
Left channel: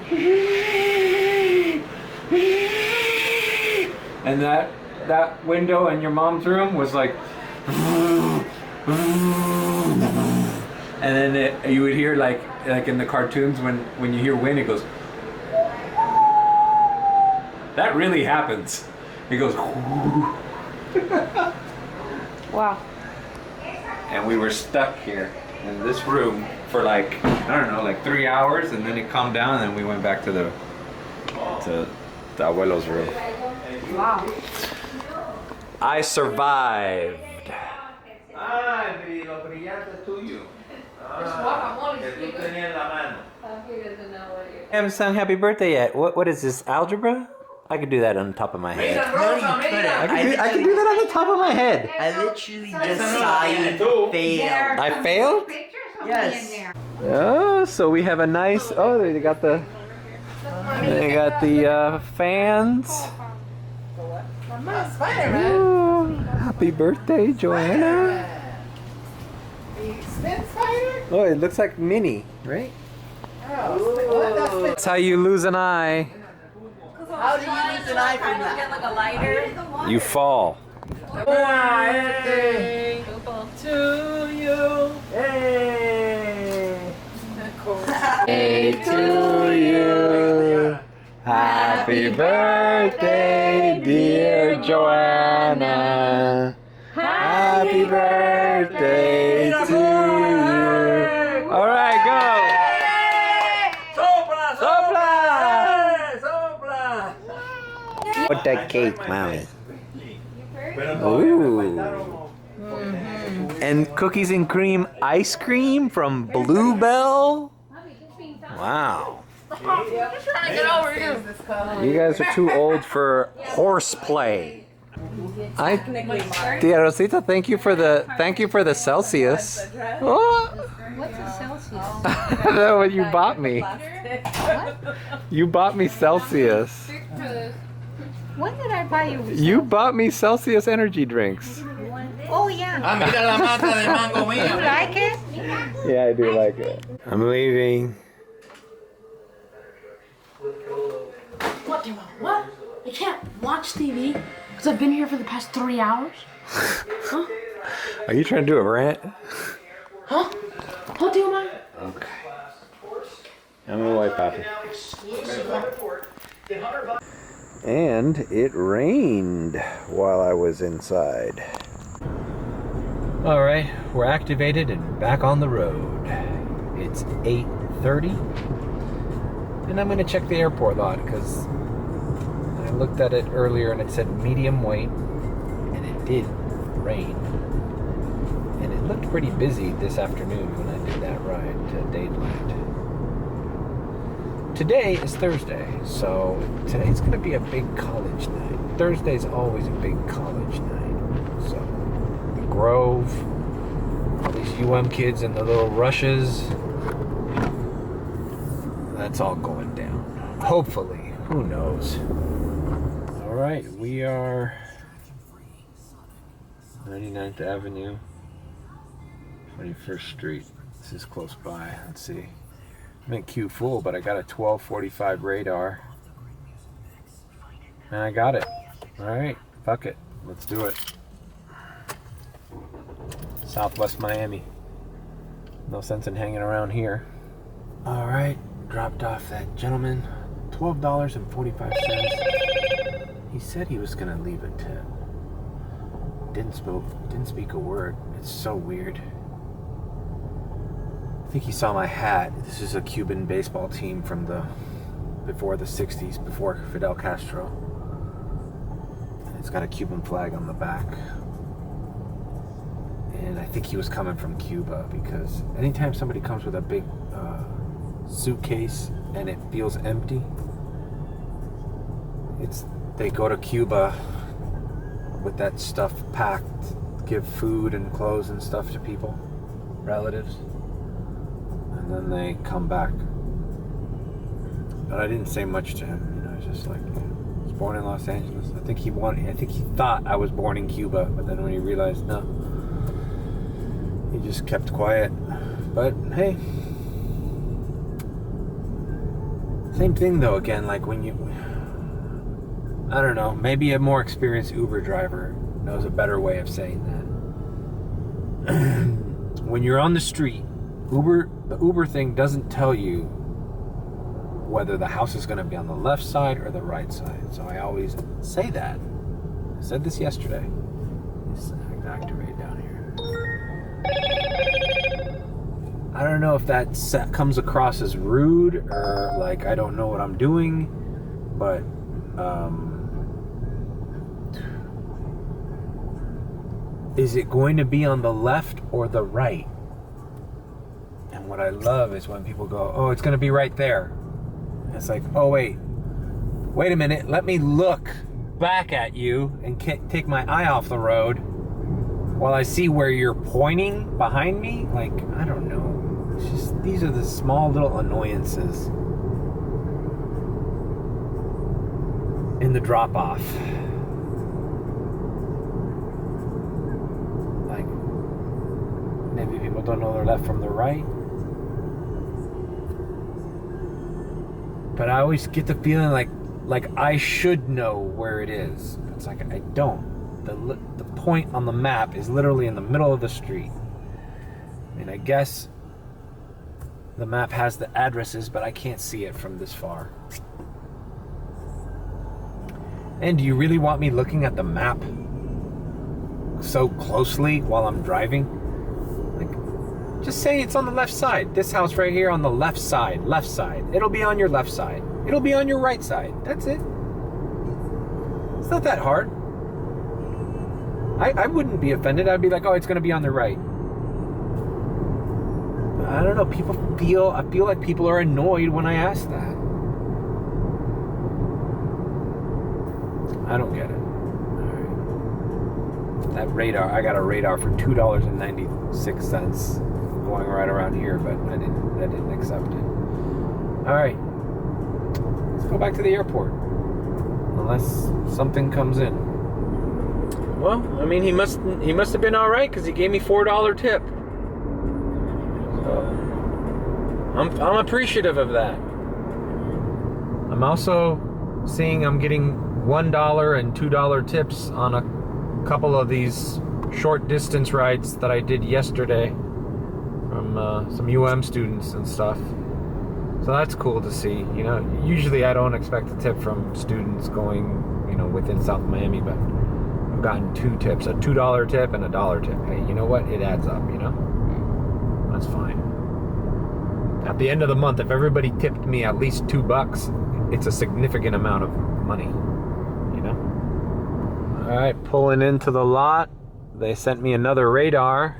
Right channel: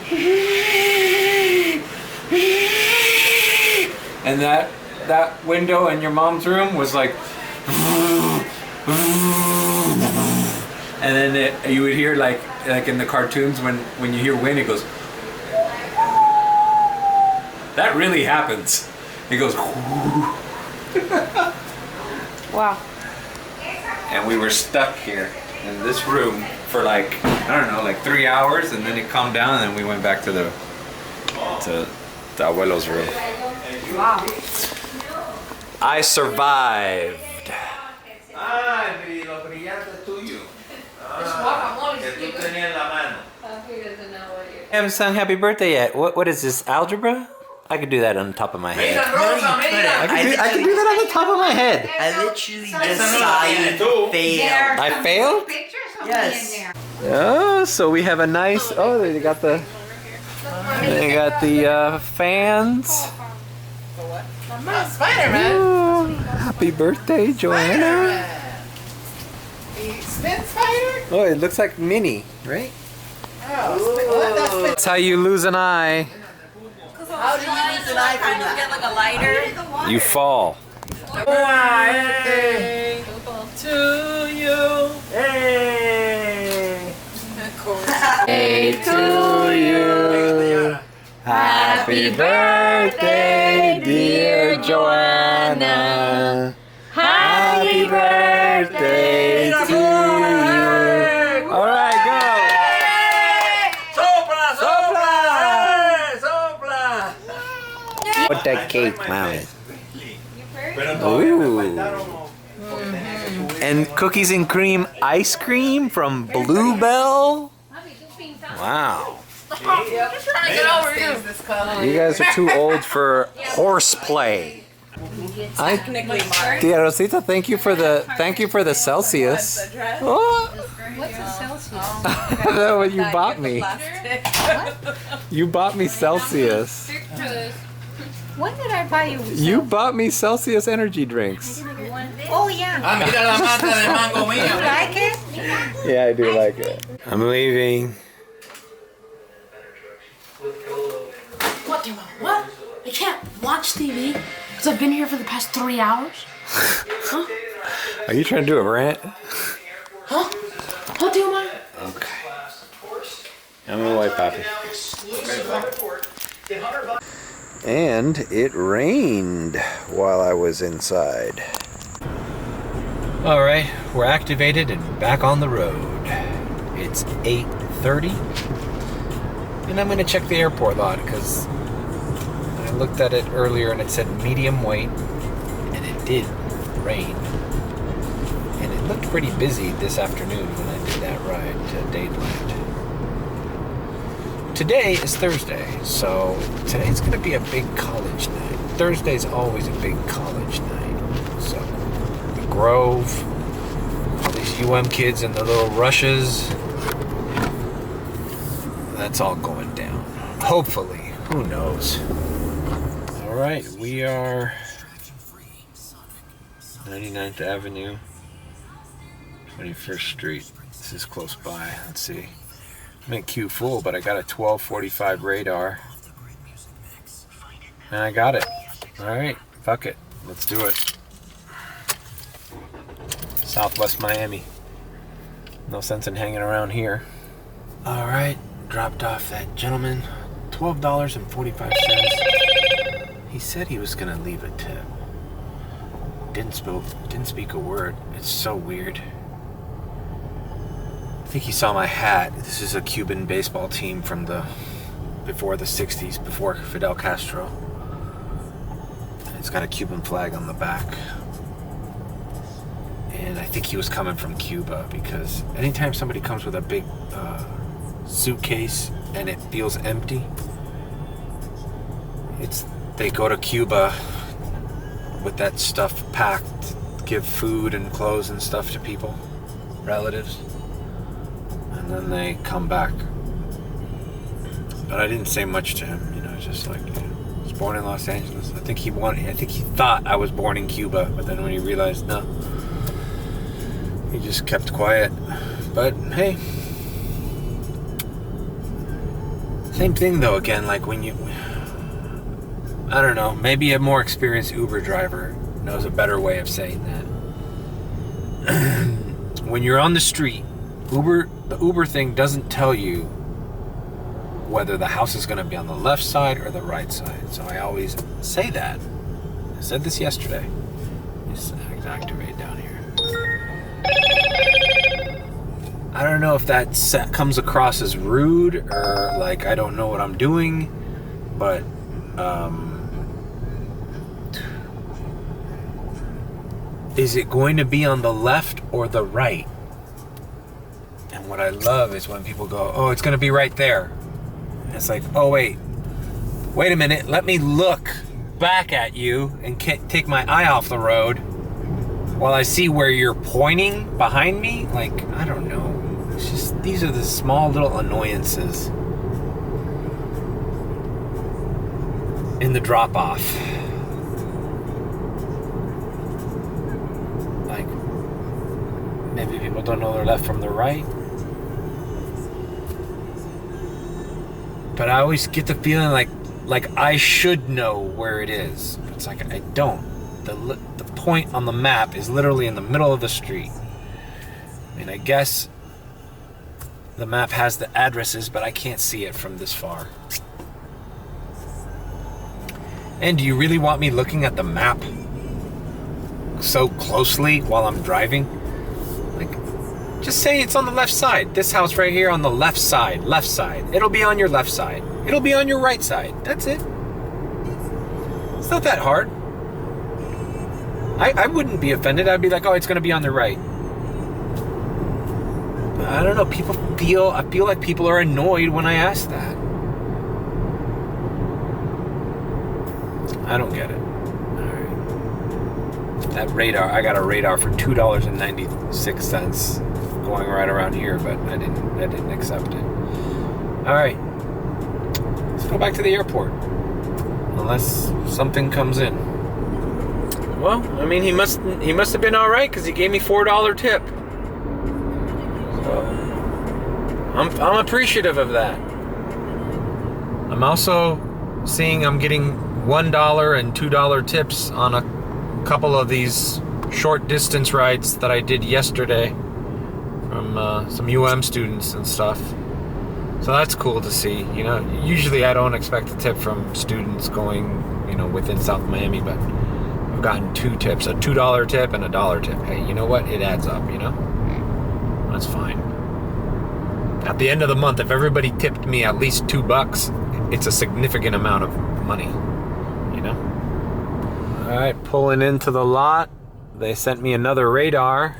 And that window in your mom's room was like. And then you would hear like in the cartoons when you hear wind, it goes. That really happens. It goes. Wow. And we were stuck here in this room for like, I don't know, like 3 hours, and then it calmed down, and then we went back to the abuelo's room. Wow. I survived. I haven't sung happy birthday yet. What is this, algebra? I could do that on the top of my head. No, you couldn't. I could do that on the top of my head. I literally just saw you fail. I failed? Yes. Oh, so we have a nice. Oh, they got the fans. Spider-Man. Oh, happy birthday, Joanna. Spin spider? Oh, it looks like Minnie, right? Oh, That's how you lose an eye. how do you use an eye from that? Get like a lighter. You fall. Birthday to you. Hey. Hey to you. Happy birthday, dear Joanna. Happy birthday to you. All right, go. Sopla, sopla, sopla. Put that cake, mommy. Ooh. And cookies and cream ice cream from Bluebell. Wow. You guys are too old for horseplay. Tia Rosita, thank you for the Celsius. Oh. What's a Celsius? That's what you bought me. You bought me Celsius. When did I buy you? You bought me Celsius energy drinks. Oh yeah. Mira la mata de mango You mío. like it? Yeah, I do like it. I'm leaving. What, dear mom? What? I can't watch TV because I've been here for the past 3 hours? Huh? Are you trying to do a rant? Huh? Huh, dear mom? Okay. I'm gonna wipe Papi. And it rained while I was inside. All right, we're activated and back on the road. It's 8:30, and I'm gonna check the airport lot because I looked at it earlier and it said medium weight, and it did rain. And it looked pretty busy this afternoon when I did that ride to Dadeland. Today is Thursday, so today's gonna be a big college night. Thursday's always a big college night. So the Grove, all these UM kids and the little rushes, that's all going down. Hopefully, who knows? All right, we are 99th Avenue, 21st Street. This is close by. Let's see. I'm in Q full, but I got a 1245 radar. And I got it. Alright, fuck it. Let's do it. Southwest Miami. No sense in hanging around here. Alright, dropped off that gentleman. $12.45. He said he was gonna leave a tip. Didn't speak a word. It's so weird. I think he saw my hat. This is a Cuban baseball team from before the 60s, before Fidel Castro. And it's got a Cuban flag on the back. And and I think he was coming from Cuba, because anytime somebody comes with a big suitcase and it feels empty, they go to Cuba with that stuff packed, give food and clothes and stuff to people, relatives, and then they come back. But I didn't say much to him, just like, I was born in Los Angeles. I think he thought I was born in Cuba, but then when he realized, no, he just kept quiet. But hey, same thing though, again, like when I don't know, maybe a more experienced Uber driver knows a better way of saying that. When you're on the street, the Uber thing doesn't tell you whether the house is going to be on the left side or the right side. So I always say that. I said this yesterday. Just activate down here. I don't know if that comes across as rude or like I don't know what I'm doing, but is it going to be on the left or the right? And what I love is when people go, oh, it's going to be right there. And it's like, oh, wait a minute. Let me look back at you and take my eye off the road while I see where you're pointing behind me. Like, I don't know. It's just, these are the small little annoyances in the drop-off. Like, maybe people don't know their left from their right. But I always get the feeling like I should know where it is. It's like I don't. The point on the map is literally in the middle of the street. I mean, I guess the map has the addresses, but I can't see it from this far. And do you really want me looking at the map so closely while I'm driving? Like, just say it's on the left side. This house right here on the left side. Left side. It'll be on your left side. It'll be on your right side. That's it. It's not that hard. I wouldn't be offended. I'd be like, oh, it's going to be on the right. But I don't know. I feel like people are annoyed when I ask that. I don't get it. All right. That radar, I got a radar for $2.96 going right around here, but I didn't accept it. All right. Let's go back to the airport. Unless something comes in. Well, I mean, he must have been all right because he gave me $4 tip. So I'm appreciative of that. I'm also seeing I'm getting $1 and $2 tips on a couple of these short distance rides that I did yesterday from some UM students and stuff. So that's cool to see. Usually I don't expect a tip from students going, within South Miami, but I've gotten 2 tips, a $2 tip and a $1 tip. Hey, you know what? It adds up, That's fine. At the end of the month, if everybody tipped me at least $2, it's a significant amount of money, All right, pulling into the lot. They sent me another radar,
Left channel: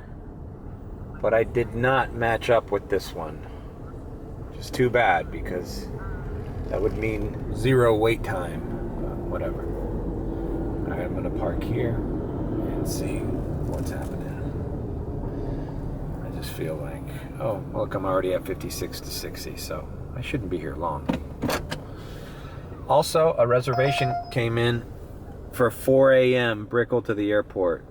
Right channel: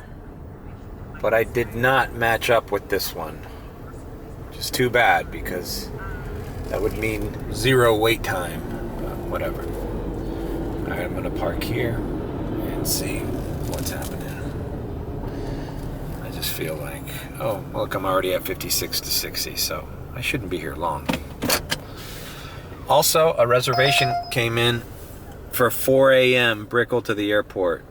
but I did not match up with this one. Just too bad, because that would mean 0 wait time, but whatever. All right, I'm gonna park here and see what's happening. I just feel like, oh, look, I'm already at 56 to 60, so I shouldn't be here long. Also, a reservation came in for 4 a.m. Brickell to the airport.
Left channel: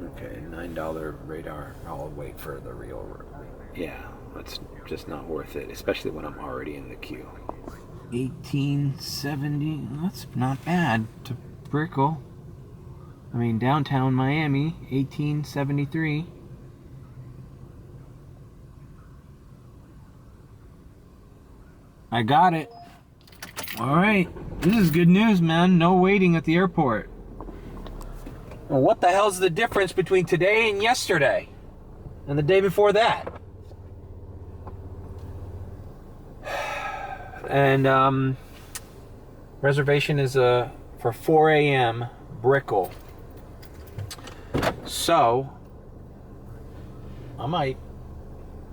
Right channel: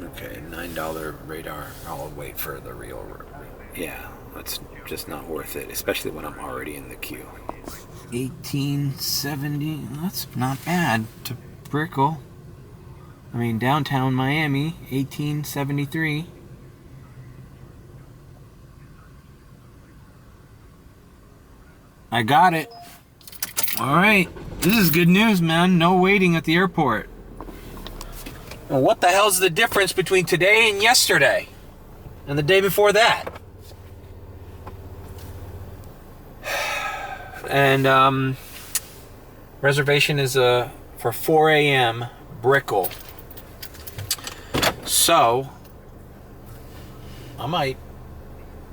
Okay, $9 radar. I'll wait for the real. Yeah, that's just not worth it, especially when I'm already in the queue. 1870. That's not bad to Brickell. I mean, downtown Miami, 1873. I got it. All right. This is good news, man. No waiting at the airport. Well, what the hell's the difference between today and yesterday? And the day before that? And reservation is for 4 a.m. Brickell. So I might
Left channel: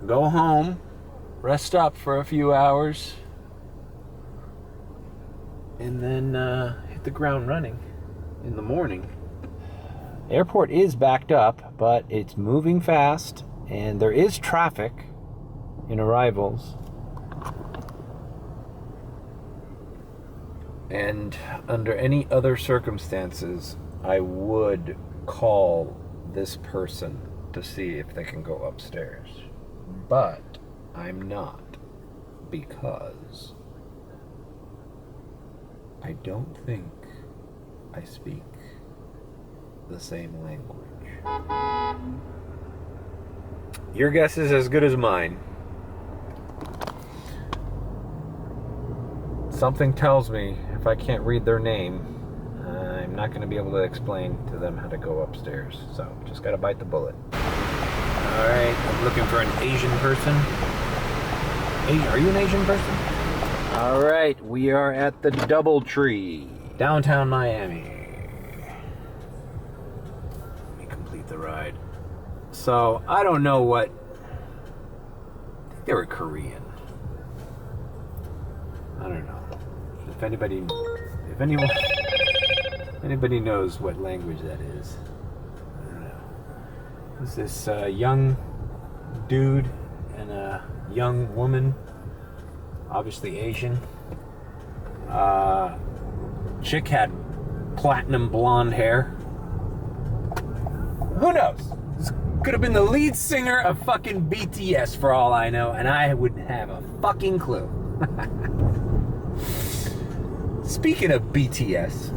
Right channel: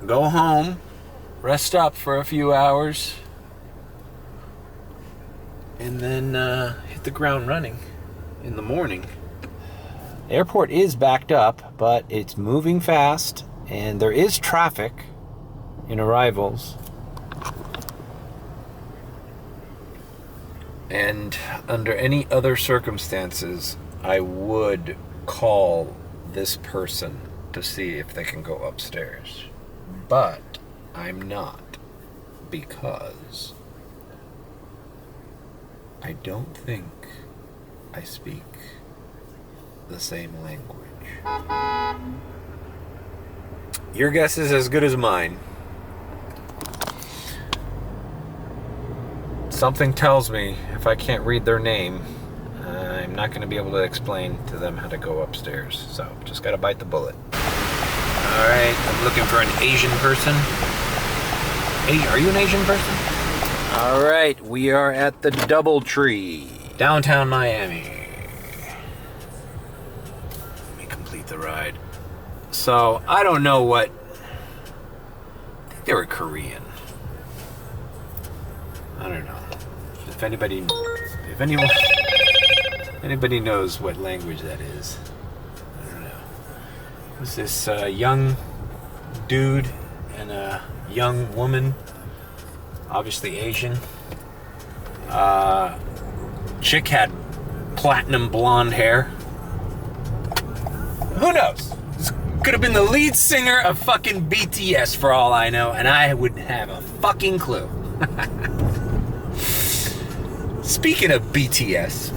go home, rest up for a few hours, and then hit the ground running in the morning. Airport is backed up, but it's moving fast, and there is traffic in arrivals. And under any other circumstances, I would call this person to see if they can go upstairs. But I'm not, because I don't think I speak the same language. Your guess is as good as mine. Something tells me if I can't read their name, I'm not going to be able to explain to them how to go upstairs. So just got to bite the bullet. All right, I'm looking for an Asian person. Hey, are you an Asian person? All right, we are at the DoubleTree, downtown Miami. Let me complete the ride. So I don't know what. I think they were Korean. I don't know. If anybody knows what language that is, I don't know. Who's this young dude and a young woman, obviously Asian. Chick had platinum blonde hair. Who knows? This could have been the lead singer of fucking BTS for all I know, and I wouldn't have a fucking clue. Speaking of BTS,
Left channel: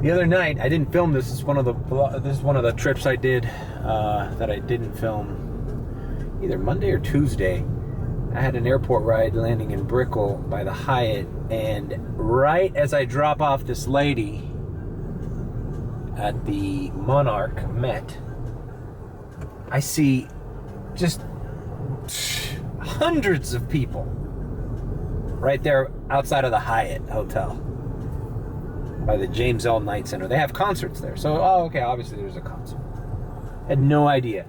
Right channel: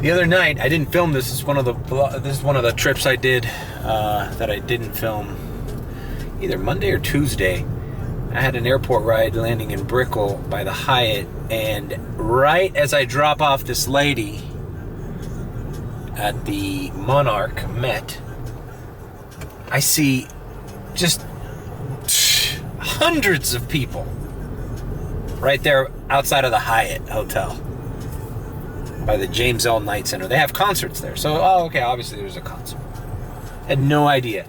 the other night I didn't film this. This is one of the trips I did that I didn't film. Either Monday or Tuesday, I had an airport ride landing in Brickell by the Hyatt, and right as I drop off this lady at the Monarch Met, I see just hundreds of people right there outside of the Hyatt Hotel by the James L. Knight Center. They have concerts there. So, okay, obviously there's a concert. Had no idea.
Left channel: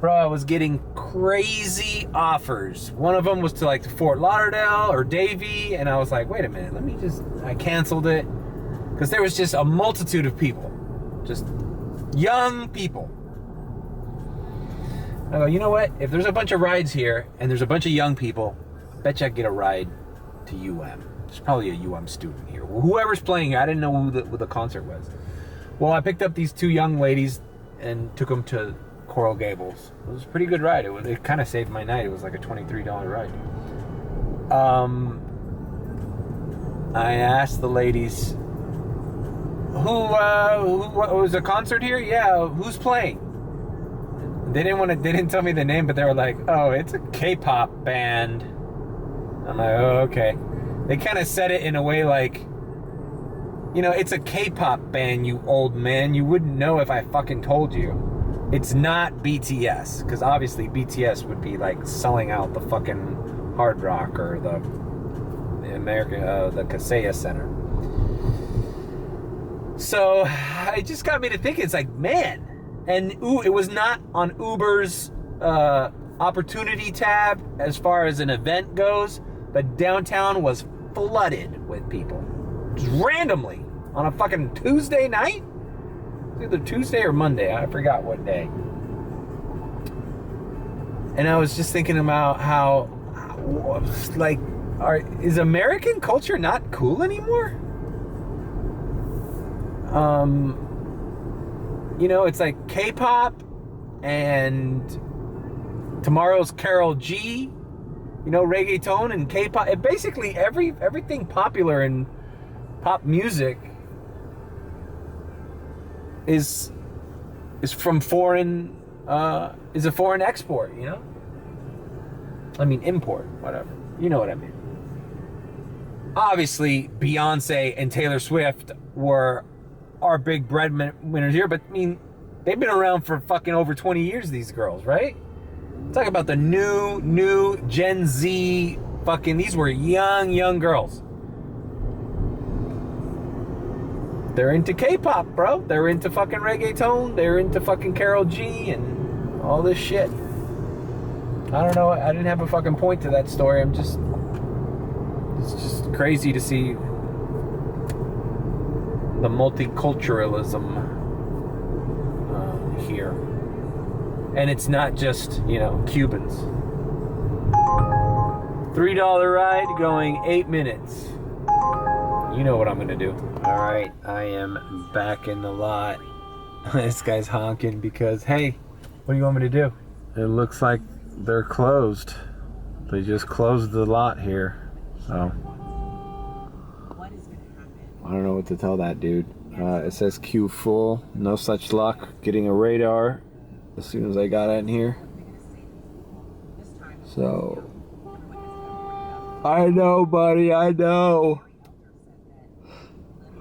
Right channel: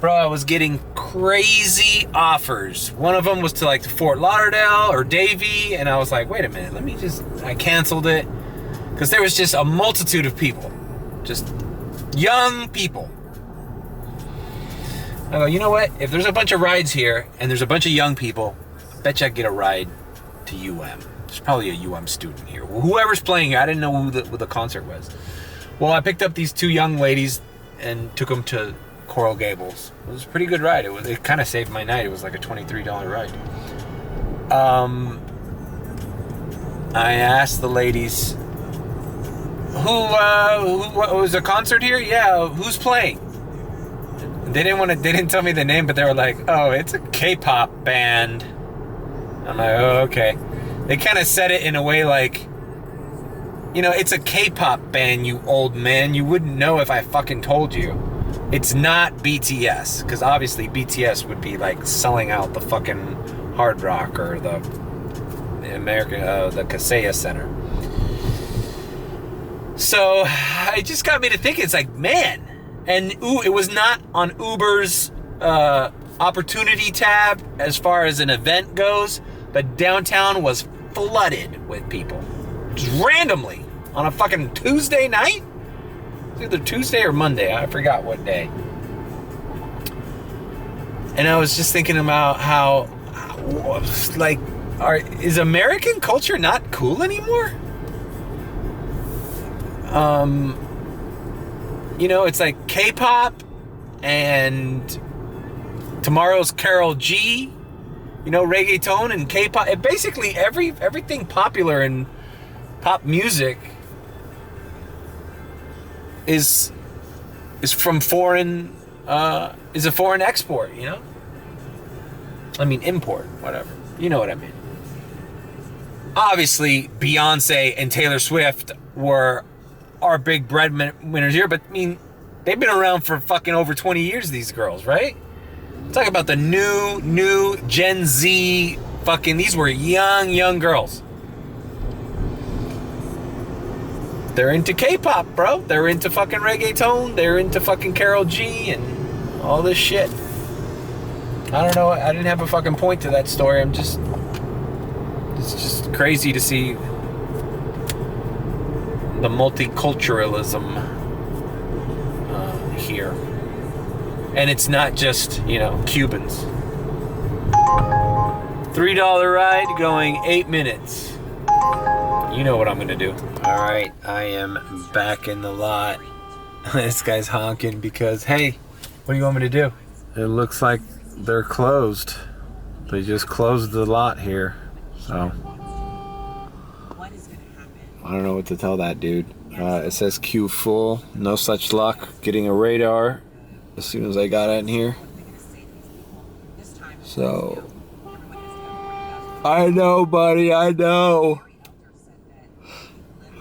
Bro, I was getting crazy offers. One of them was to like Fort Lauderdale or Davie, and I was like, wait a minute, I canceled it. Because there was just a multitude of people. Just young people. I go, you know what? If there's a bunch of rides here, and there's a bunch of young people, I bet you I get a ride to UM. There's probably a UM student here. Well, whoever's playing here, I didn't know who the concert was. Well, I picked up these two young ladies and took them to Coral Gables. It was a pretty good ride. It kind of saved my night. It was like a $23 ride. I asked the ladies, who was a concert here? Yeah, who's playing? They didn't tell me the name, but they were like, oh, it's a K-pop band. I'm like, oh, okay. They kind of said it in a way like, you know, it's a K-pop band, you old man. You wouldn't know if I fucking told you. It's not BTS, because obviously BTS would be like selling out the fucking Hard Rock or the Kaseya Center. So it just got me to thinking, it's like, man. And it was not on Uber's opportunity tab as far as an event goes, but downtown was flooded with people. Just randomly on a fucking Tuesday night? Either Tuesday or Monday, I forgot what day. And I was just thinking about how like, is American culture not cool anymore? You know, it's like K-pop and tomorrow's Karol G, you know, reggaeton and K-pop. It basically everything popular in pop music is from foreign, is a foreign export, you know? I mean, import, whatever. You know what I mean. Obviously, Beyonce and Taylor Swift were our big bread winners here, but I mean, they've been around for fucking over 20 years, these girls, right? Talk about the new Gen Z fucking, these were young girls. they're into K-pop, bro. They're into fucking reggaeton. They're into fucking Karol G and all this shit. I don't know. I didn't have a fucking point to that story. It's just crazy to see the multiculturalism here. And it's not just, Cubans. $3 ride going 8 minutes. You know what I'm gonna do. All right, I am back in the lot. This guy's honking because, hey, what do you want me to do? It looks like they're closed. They just closed the lot here, so. I don't know what to tell that dude. It says queue full, no such luck getting a radar as soon as I got in here. So, I know, buddy, I know.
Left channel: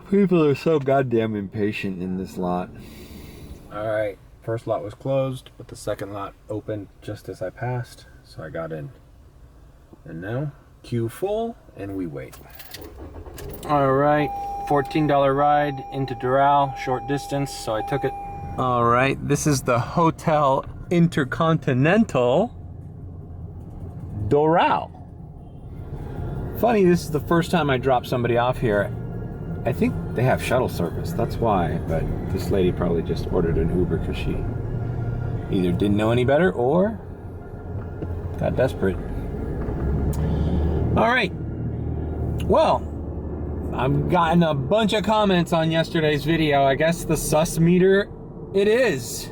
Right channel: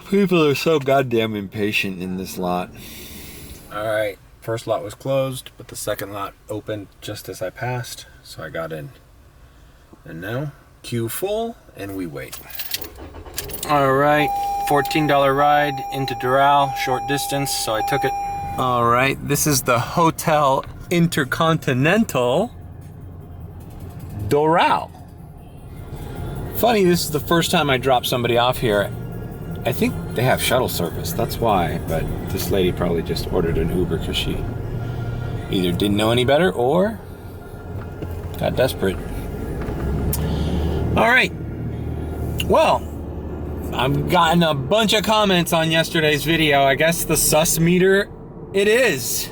People are so goddamn impatient in this lot. Alright, first lot was closed, but the second lot opened just as I passed, so I got in. And now, queue full, and we wait. Alright, $14 ride into Doral, short distance, so I took it. Alright, this is the Hotel Intercontinental Doral. Funny, this is the first time I dropped somebody off here. I think they have shuttle service, that's why, but this lady probably just ordered an Uber because she either didn't know any better or got desperate. Alright, well, I've gotten a bunch of comments on yesterday's video. I guess the sus meter, it is.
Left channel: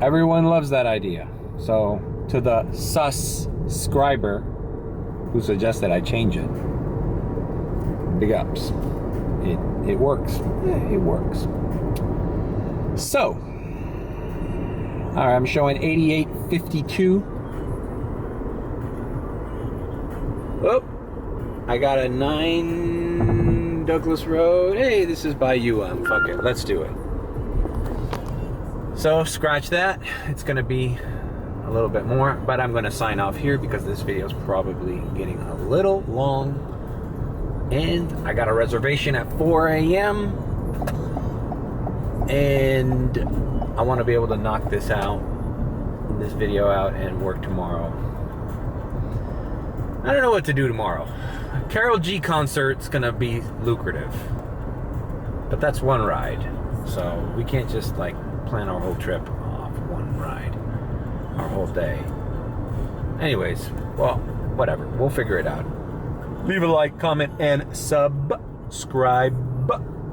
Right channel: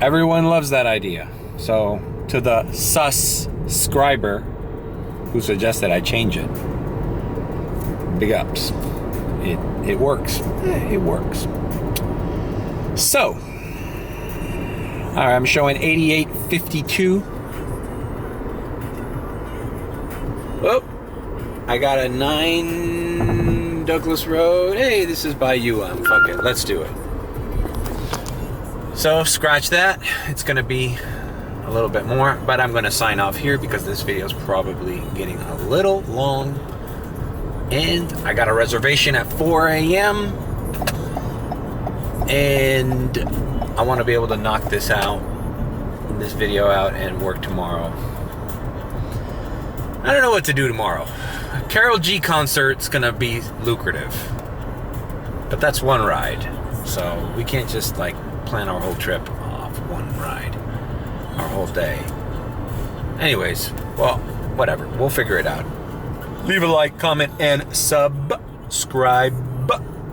Everyone loves that idea. So, to the sus scriber who suggested I change it, big ups. It works. It works. So, all right, I'm showing 8852. Oh, I got a 9 Douglas Road. Hey, this is by UM. Fuck it, let's do it. So, scratch that. It's gonna be a little bit more, but I'm gonna sign off here because this video is probably getting a little long. And I got a reservation at 4 a.m. And I want to be able to knock this video out and work tomorrow. I don't know what to do tomorrow. Karol G concert's gonna be lucrative, but that's one ride. So we can't just like plan our whole trip off one ride, our whole day. Anyways, well, whatever, we'll figure it out. Leave a like, comment, and subscribe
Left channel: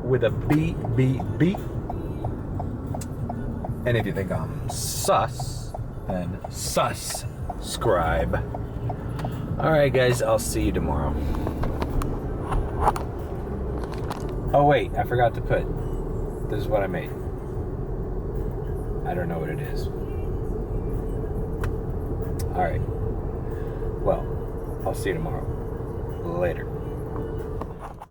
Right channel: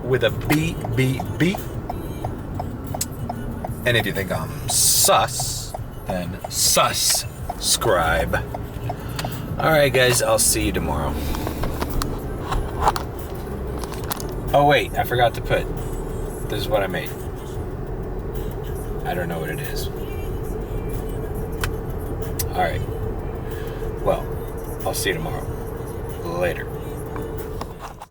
with a B. And if you think I'm sus, then subscribe. Alright guys, I'll see you tomorrow. Oh wait, I forgot to put, this is what I made. I don't know what it is. Alright. Well, I'll see you tomorrow. Later.